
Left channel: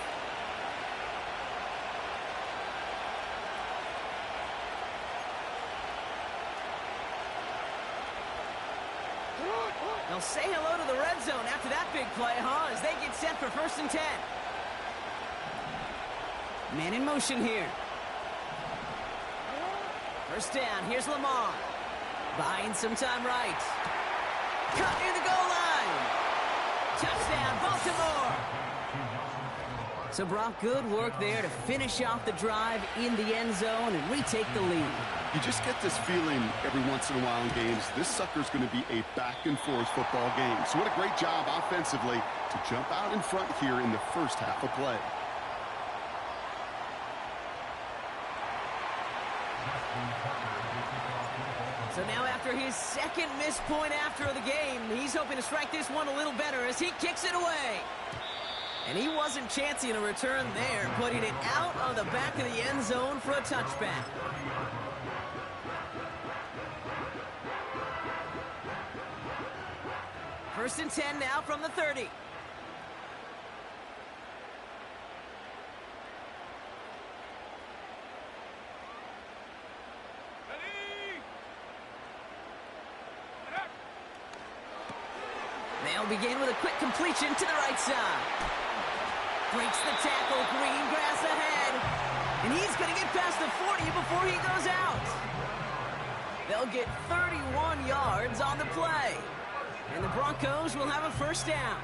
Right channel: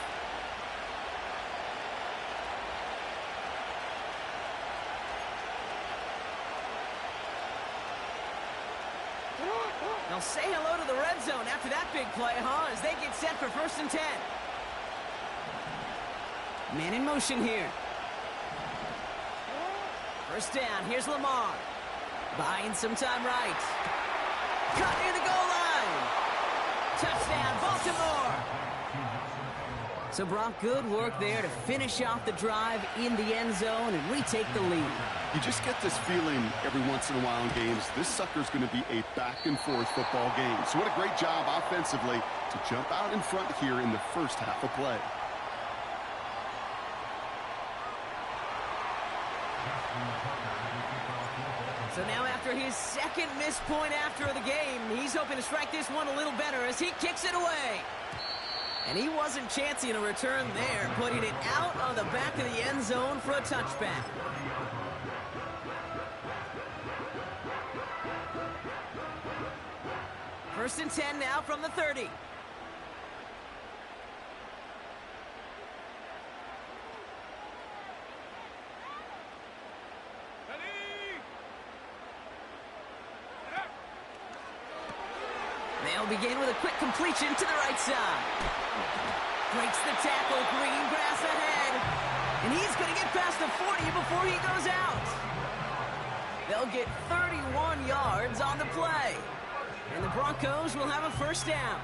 They'll say hello to the red zone after that big play, huh? As they get set for 1st and 10. Man in motion here. 1st down, here's Lamar. Buying some time right. Cut near the goal line. Touchdown, Baltimore. So Brock, good work there to finish off the drive in the end zone and retake the lead. You just get this feeling every once in a while in games, this sucker's going to be a back-and-forth football game. So what a great job offensively to jump out in front here in the first half of play. So now after his second missed point after the game, he's hoping to strike this one a little better as he kicks it away. And he wasn't chancing a return there, putting it out on the back of the end zone for a touchback. First and 10 now from the 30. They'll begin with a quick completion to the right side. Breaks the tackle, green grass ahead. And he's going to get past the 40 before he goes out. They'll get 31 yards on the play. And the Broncos will have a 1st down.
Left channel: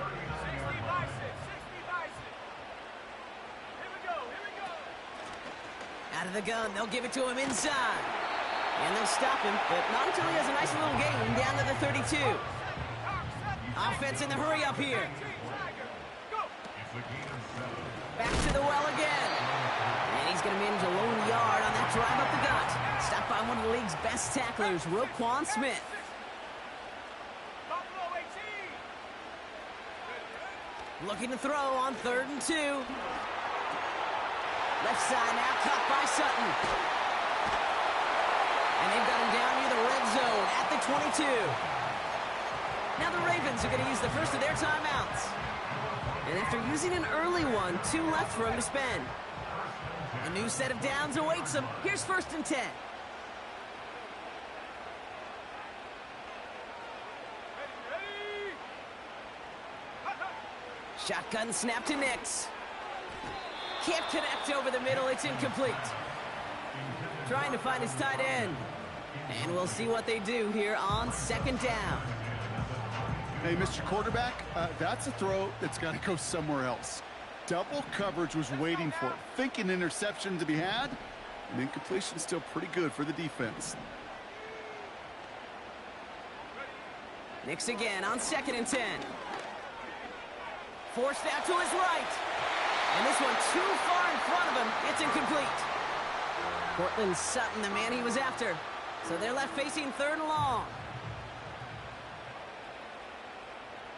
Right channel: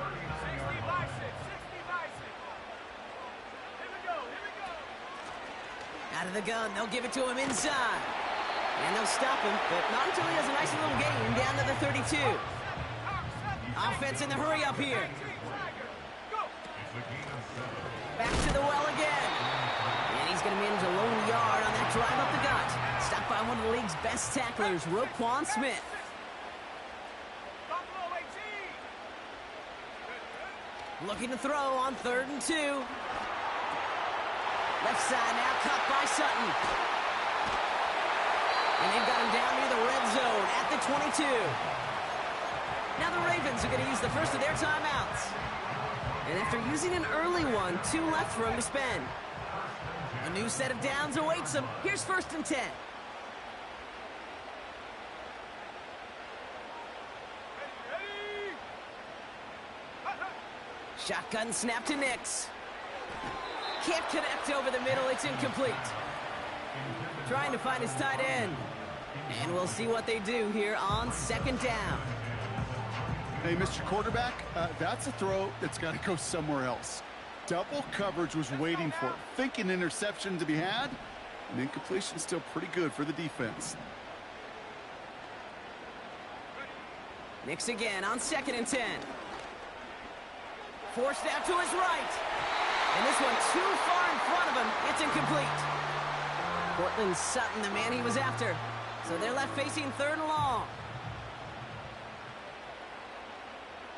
60 by 6. Here we go. Out of the gun, they'll give it to him inside. And they'll stop him, but not until he has a nice little gain down to the 32. Offense in the hurry up here. Back to the well again. And he's going to manage a lone yard on that drive up the gut. Stopped by one of the league's best tacklers, Roquan Smith. Looking to throw on 3rd and 2. Left side now, caught by Sutton. And they've got him down near the red zone at the 22. Now the Ravens are going to use the first of their timeouts. And after using an early one, 2 left for him to spend. A new set of downs awaits him. Here's 1st and 10. Shotgun snap to Nix. Can't connect over the middle. It's incomplete. Trying to find his tight end. And we'll see what they do here on 2nd down. Hey, Mr. Quarterback, that's a throw that's got to go somewhere else. Double coverage was waiting for it. Thinking interception to be had. And incompletion still pretty good for the defense. Nix again on 2nd and 10. Forced out to his right. And this one too far in front of him. It's incomplete. Cortland Sutton, the man he was after. So they're left facing 3rd and long.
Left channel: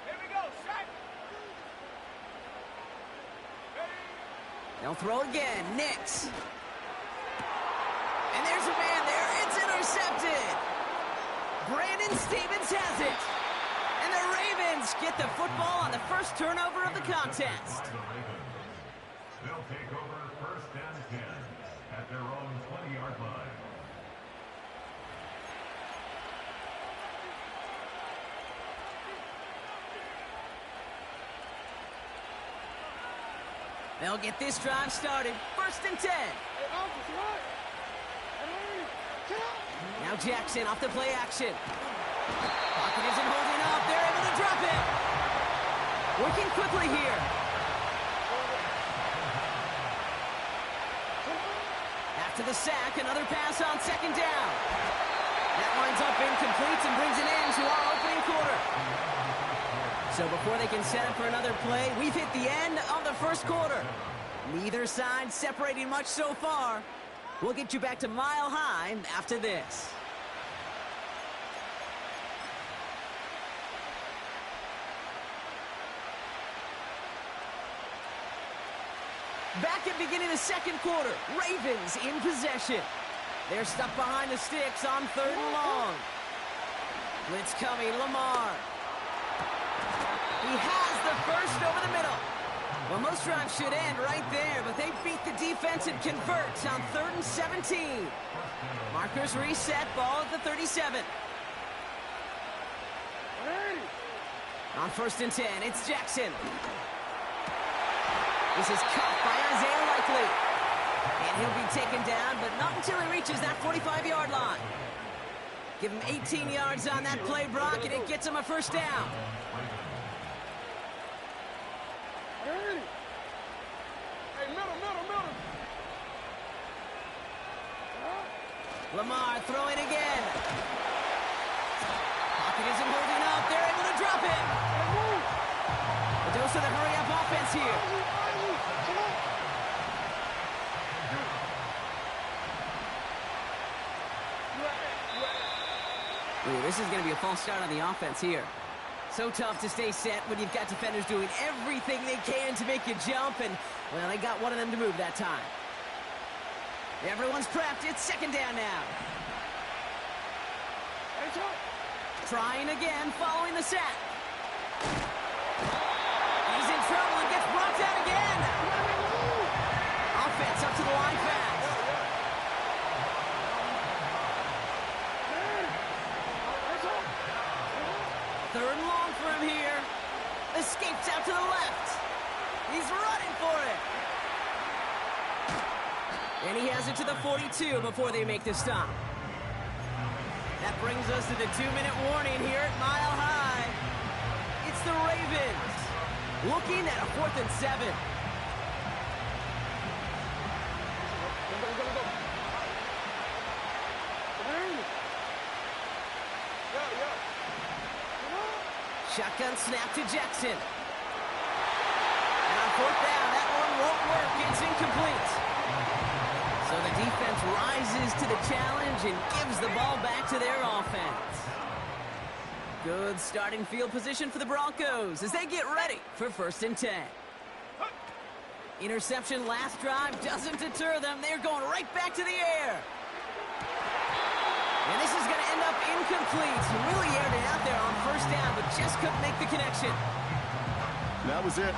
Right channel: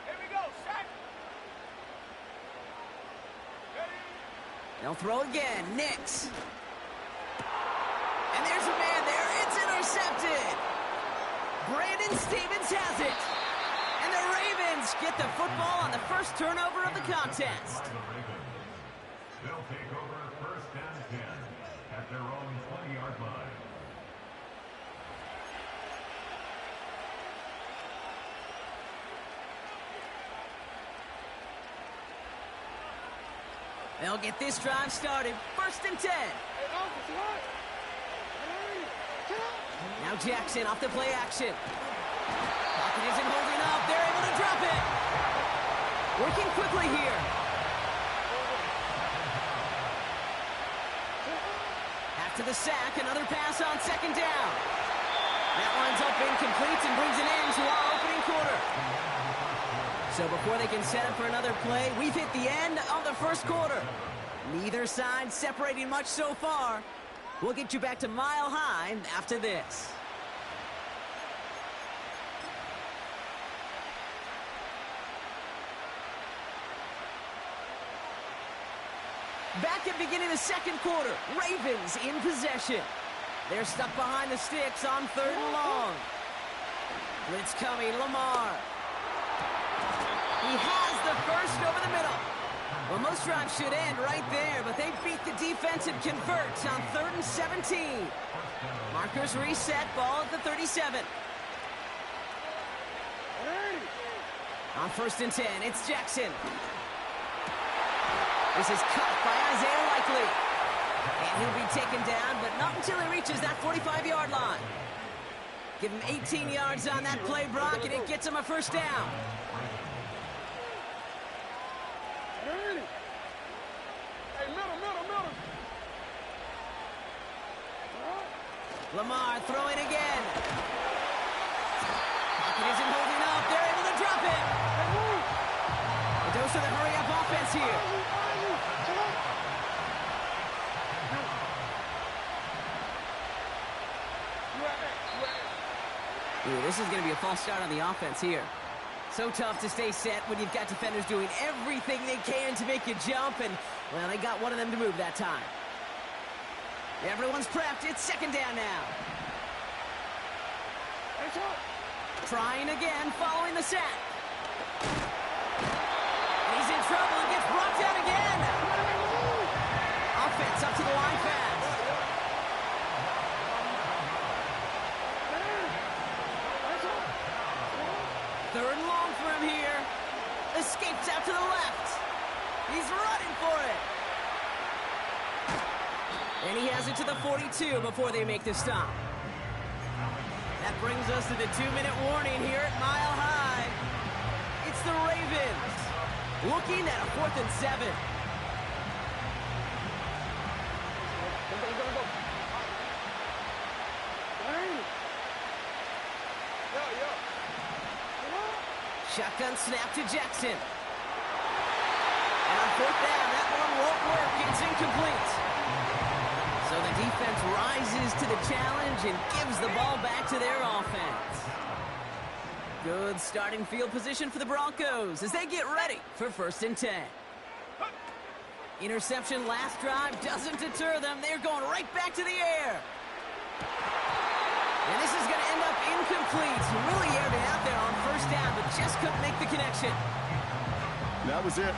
Here we go, set. They'll throw again. Nix. And there's a man there. It's intercepted. Brandon Stevens has it. And the Ravens get the football on the first turnover of the contest. They'll take over 1st and 10 at their own 20-yard line. They'll get this drive started. 1st and 10. Hey, Alpha, what? Now Jackson off the play action. Pocket isn't holding up. They're able to drop it. Working quickly here. After the sack, another pass on 2nd down. That winds up incomplete and brings an end to our opening quarter. So before they can set up for another play, we've hit the end of the 1st quarter. Neither side separating much so far. We'll get you back to Mile High after this. Back at beginning of the 2nd quarter, Ravens in possession. They're stuck behind the sticks on 3rd and long. Blitz coming, Lamar. He has the first over the middle. Well, most drives should end right there, but they beat the defense and convert on 3rd and 17. Markers reset, ball at the 37. On 1st and 10, it's Jackson. This is caught by Isaiah Likely. And he'll be taken down, but not until he reaches that 45-yard line. Give him 18 yards on that play, Brock, and it gets him a 1st down. Hey, middle. Lamar throwing again. Pocket isn't holding up. They're able to drop it. But those are the hurry-up offense here. Ooh, this is going to be a false start on the offense here. So tough to stay set when you've got defenders doing everything they can to make you jump, and, well, they got one of them to move that time. Everyone's prepped. It's 2nd down now. Trying again, following the sack. He's in trouble and gets brought down again. Offense up to the line fast. 3rd and long for him here. Escapes out to the left. He's running for it. And he has it to the 42 before they make the stop. That brings us to the 2-minute warning here at Mile High. It's the Ravens looking at a 4th and 7. Shotgun snap to Jackson. And on 4th down, that one won't work. It's incomplete. So the defense rises to the challenge and gives the ball back to their offense. Good starting field position for the Broncos as they get ready for 1st and 10. Interception last drive doesn't deter them. They're going right back to the air. And this is going to end up incomplete. Really aired it out there on 1st down, but just couldn't make the connection. That was it.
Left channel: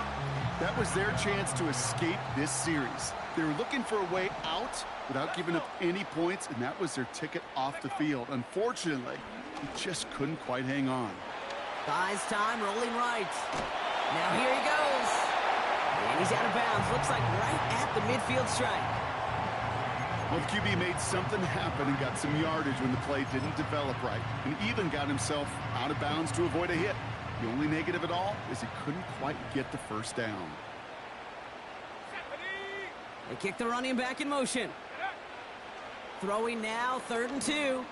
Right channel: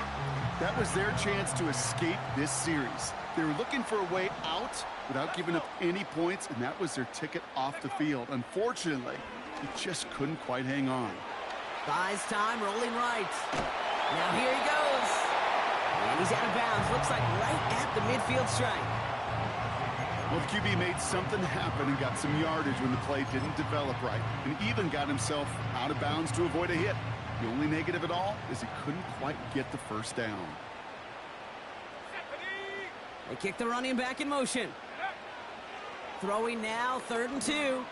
That was their chance to escape this series. They were looking for a way out without giving up any points, and that was their ticket off the field. Unfortunately, he just couldn't quite hang on. Buys time, rolling right. Now here he goes. And he's out of bounds. Looks like right at the midfield strike. Well, the QB made something happen and got some yardage when the play didn't develop right, and even got himself out of bounds to avoid a hit. The only negative at all is he couldn't quite get the 1st down. They kick the running back in motion. Throwing now, 3rd and 2.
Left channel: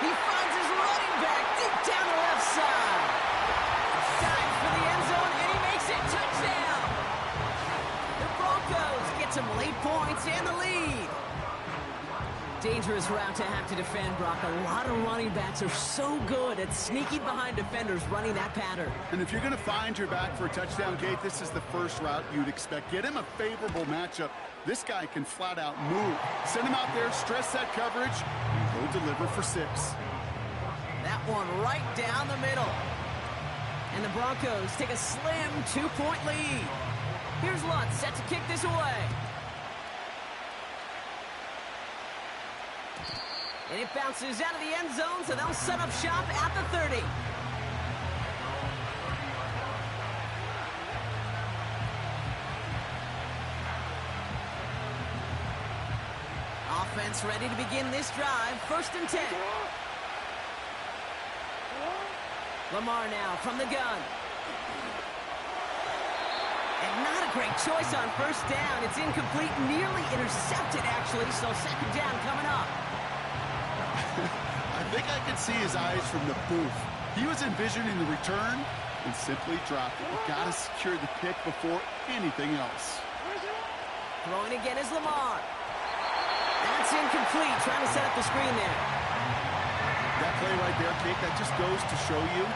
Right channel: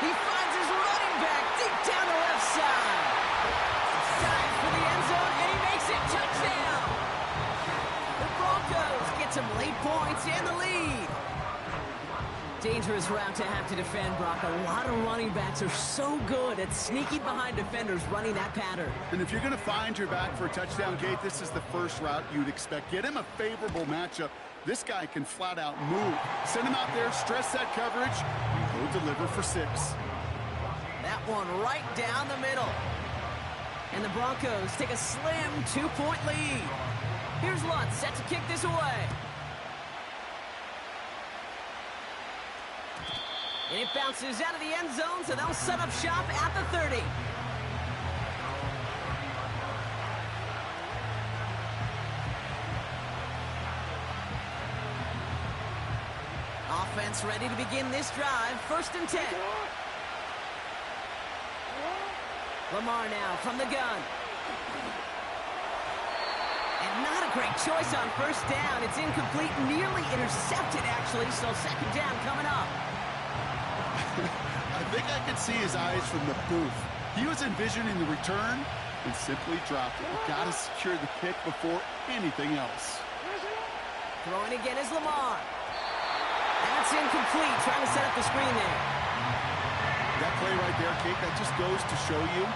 He finds his running back deep down the left side. Dives for the end zone, and he makes it. Touchdown! The Broncos get some late points and the lead. Dangerous route to have to defend, Brock. A lot of running backs are so good at sneaking behind defenders running that pattern. And if you're going to find your back for a touchdown, Kate, this is the first route you'd expect. Get him a favorable matchup. This guy can flat out move. Send him out there, stress that coverage, and go deliver for 6. That one right down the middle. And the Broncos take a slim 2-point lead. Here's Lutz set to kick this away. And it bounces out of the end zone, so they'll set up shop at the 30. Offense ready to begin this drive. 1st and 10. Lamar now from the gun. And not a great choice on 1st down. It's incomplete, nearly intercepted, actually, so 2nd down coming up. I think I could see his eyes from the booth. He was envisioning the return and simply dropped it. You got to secure the pick before anything else. Throwing again is Lamar. That's incomplete, trying to set up the screen there. That play right there, Kate, that just goes to show you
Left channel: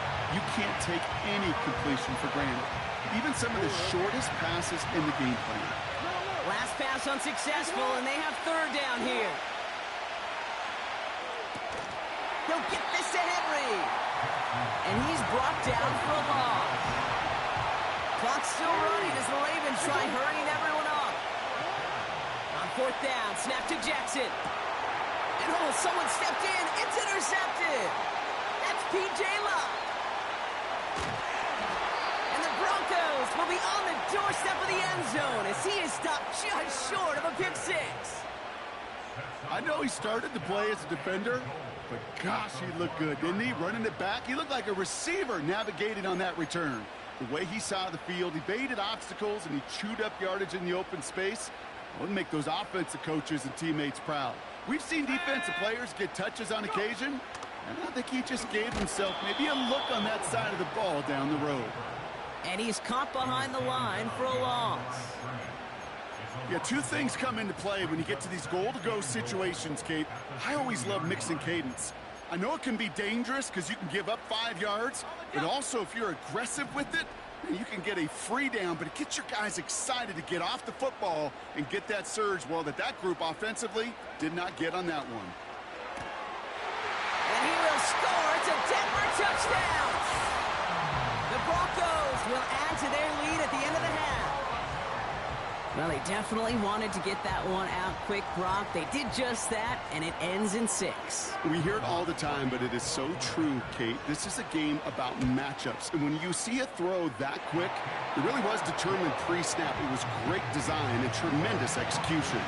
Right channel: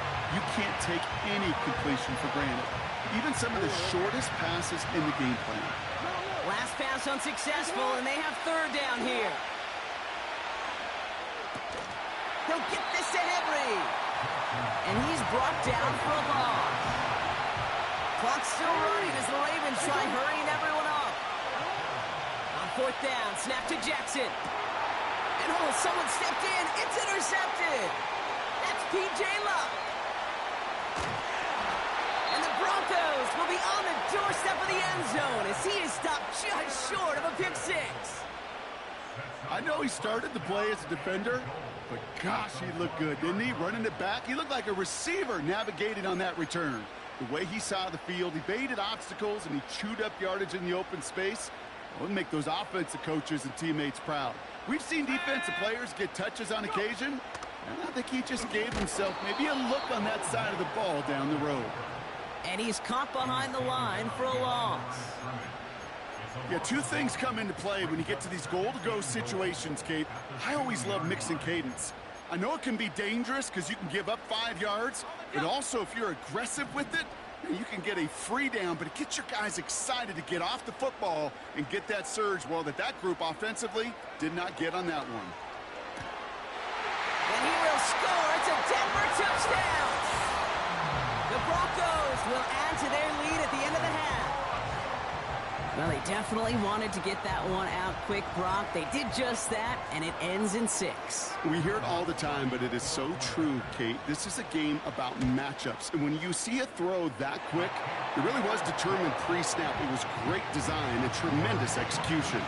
can't take any completion for granted. Even some of the shortest passes in the game plan. Last pass unsuccessful, and they have 3rd down here. He'll get this to Henry. And he's brought down for a loss. Clock's still running as the Ravens try hurrying everyone up. On 4th down, snap to Jackson. And someone stepped in. It's intercepted. That's P.J. Locke. And the Broncos will be on the doorstep of the end zone as he is stopped just short of a pick six. I know he started the play as a defender, but gosh, he looked good, didn't he? Running it back, he looked like a receiver navigating on that return. The way he saw the field, he baited obstacles, and he chewed up yardage in the open space. It would make those offensive coaches and teammates proud. We've seen defensive players get touches on occasion, and I think he just gave himself maybe a look on that side of the ball down the road. And he's caught behind the line for a loss. Yeah, two things come into play when you get to these goal-to-go situations, Kate. I always love mixing cadence. I know it can be dangerous because you can give up 5 yards, but also if you're aggressive with it, you can get a free down, but it gets your guys excited to get off the football and get that surge. Well, that group offensively did not get on that one. And he will score. It's a Denver touchdown. The Broncos will add to their lead at the end of the half. Well, they definitely wanted to get that one out quick, Brock. They did just that, and it ends in 6. We hear it all the time, but it is so true, Kate. This is a game about matchups, and when you see a throw that quick, it really was determined pre-snap. It was great design and tremendous execution.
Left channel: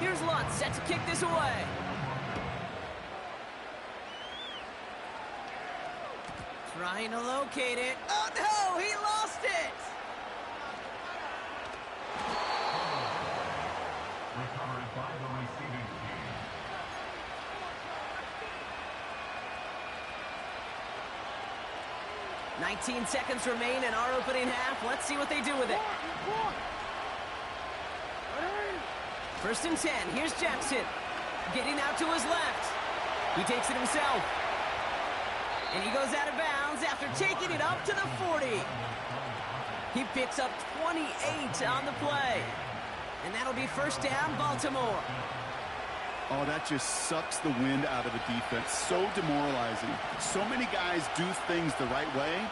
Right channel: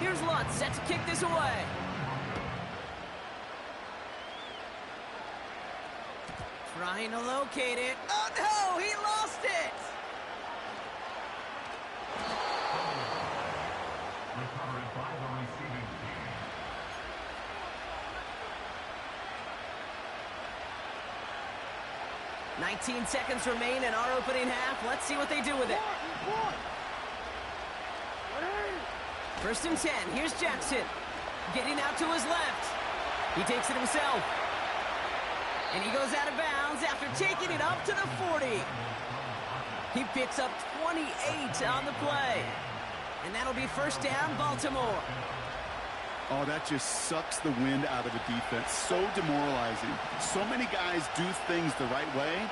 Here's Lutz set to kick this away. Trying to locate it. Oh, no! He lost it! Recovered by the receiving team. "19 seconds remain in our opening half. Let's see what they do with it. First and 10. Here's Jackson. Getting out to his left. He takes it himself. And he goes out of bounds after taking it up to the 40. He picks up 28 on the play. And that'll be first down, Baltimore. Oh, that just sucks the wind out of a defense. So demoralizing. So many guys do things the right way,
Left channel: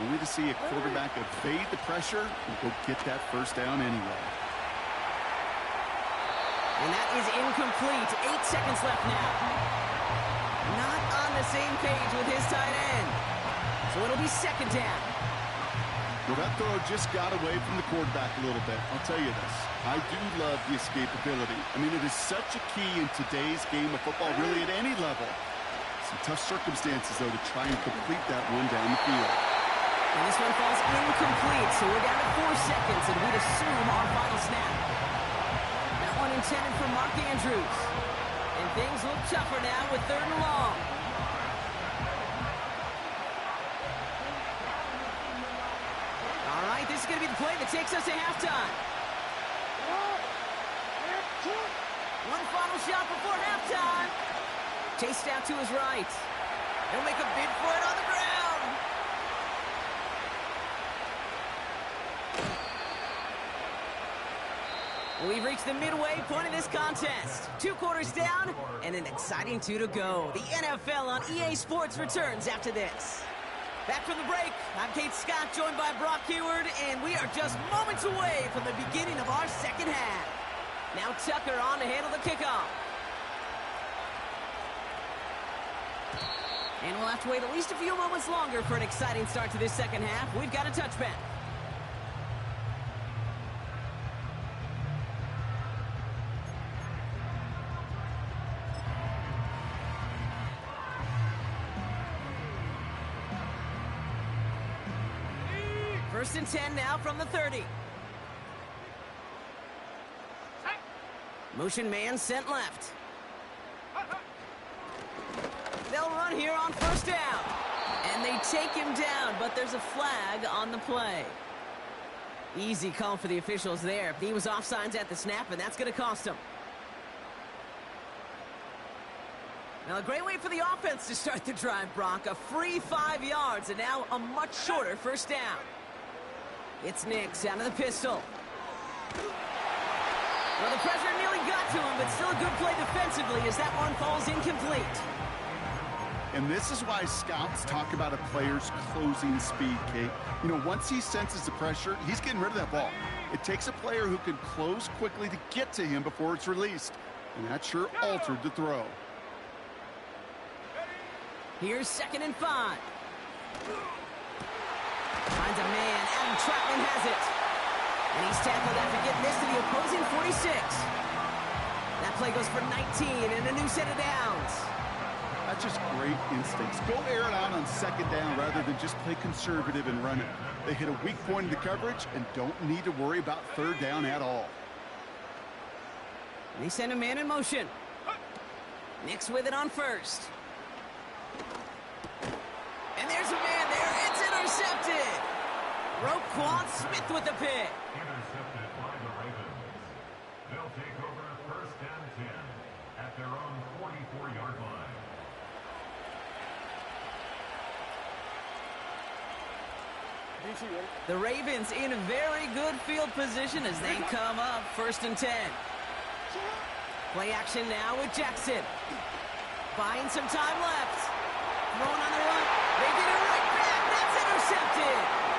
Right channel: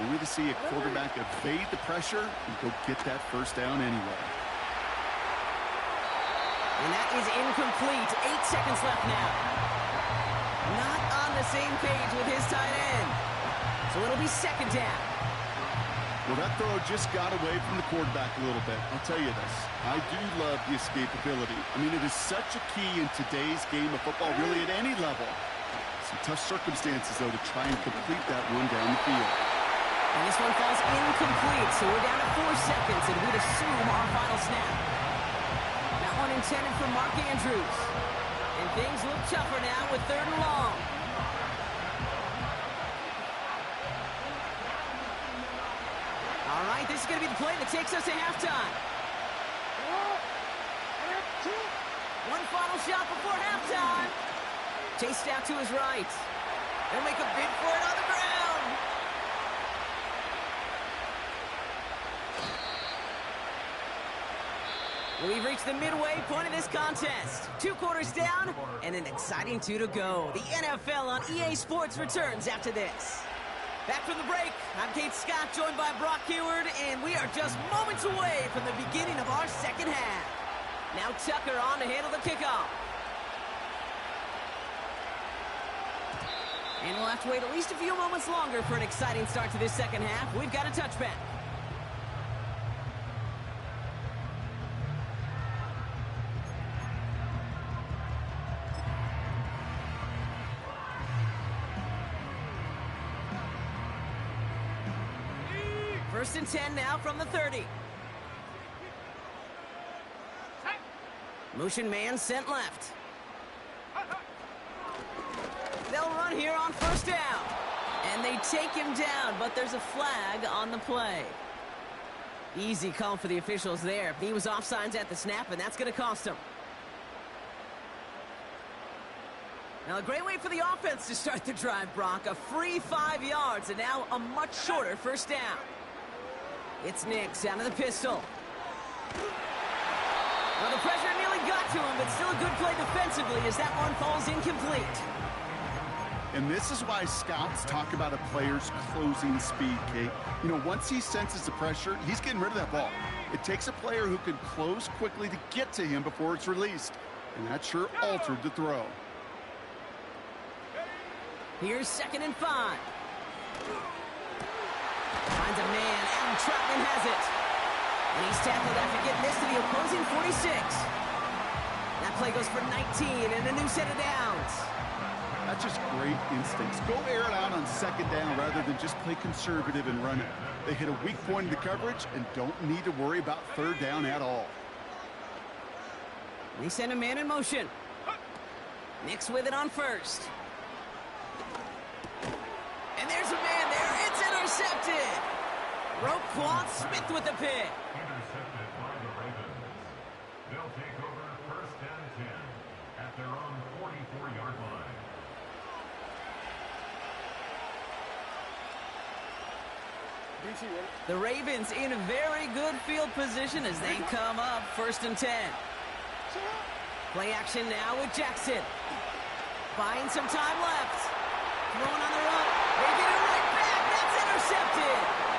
only to see a quarterback evade the pressure and go get that first down anyway. And that is incomplete. 8 seconds left now. Not on the same page with his tight end. So it'll be second down. Well, that throw just got away from the quarterback a little bit. I'll tell you this. I do love the escapability. I mean, it is such a key in today's game of football, really at any level. Some tough circumstances, though, to try and complete that one down the field. And this one falls incomplete, so we're down to 4 seconds, and we'd assume our final snap. That one intended for Mark Andrews. And things look tougher now with 3rd and long. All right, this is going to be the play that takes us to halftime. One final shot before halftime. Chased out to his right. He'll make a bid for it on the ground. We've reached the midway point of this contest. 2 quarters down and an exciting 2 to go. The NFL on EA Sports returns after this. Back from the break, I'm Kate Scott, joined by Brock Heward, and we are just moments away from the beginning of our second half. Now Tucker on to handle the kickoff. And we'll have to wait at least a few moments longer for an exciting start to this second half. We've got a touchback. First and 10 now from the 30. Motion man sent left. They'll run here on first down. And they take him down, but there's a flag on the play. Easy call for the officials there. He was offsides at the snap, and that's going to cost him. Now, a great way for the offense to start the drive, Brock. A free 5 yards, and now a much shorter first down. It's Nix out of the pistol. Well, the pressure nearly got to him, but still a good play defensively as that one falls incomplete. And this is why scouts talk about a player's closing speed, Kate. You know, once he senses the pressure, he's getting rid of that ball. It takes a player who can close quickly to get to him before it's released. And that sure altered the throw. Here's 2nd and 5. Finds a man. Adam Troutman has it. And he's tackled after getting this to the opposing 46. That play goes for 19 and a new set of downs. That's just great instincts. Go air it out on 2nd down rather than just play conservative and run it. They hit a weak point in the coverage and don't need to worry about 3rd down at all. They send a man in motion. Nix with it on 1st. And there's a man there. It's intercepted. Roquan Smith with the pick. Intercepted by the Ravens. They'll take over 1st and 10 at their own 44-yard line. DC, ready? The Ravens in very good field position as they come up 1st and 10. Play action now with Jackson. Buying some time left. Throwing on the run. They get it right back. That's intercepted.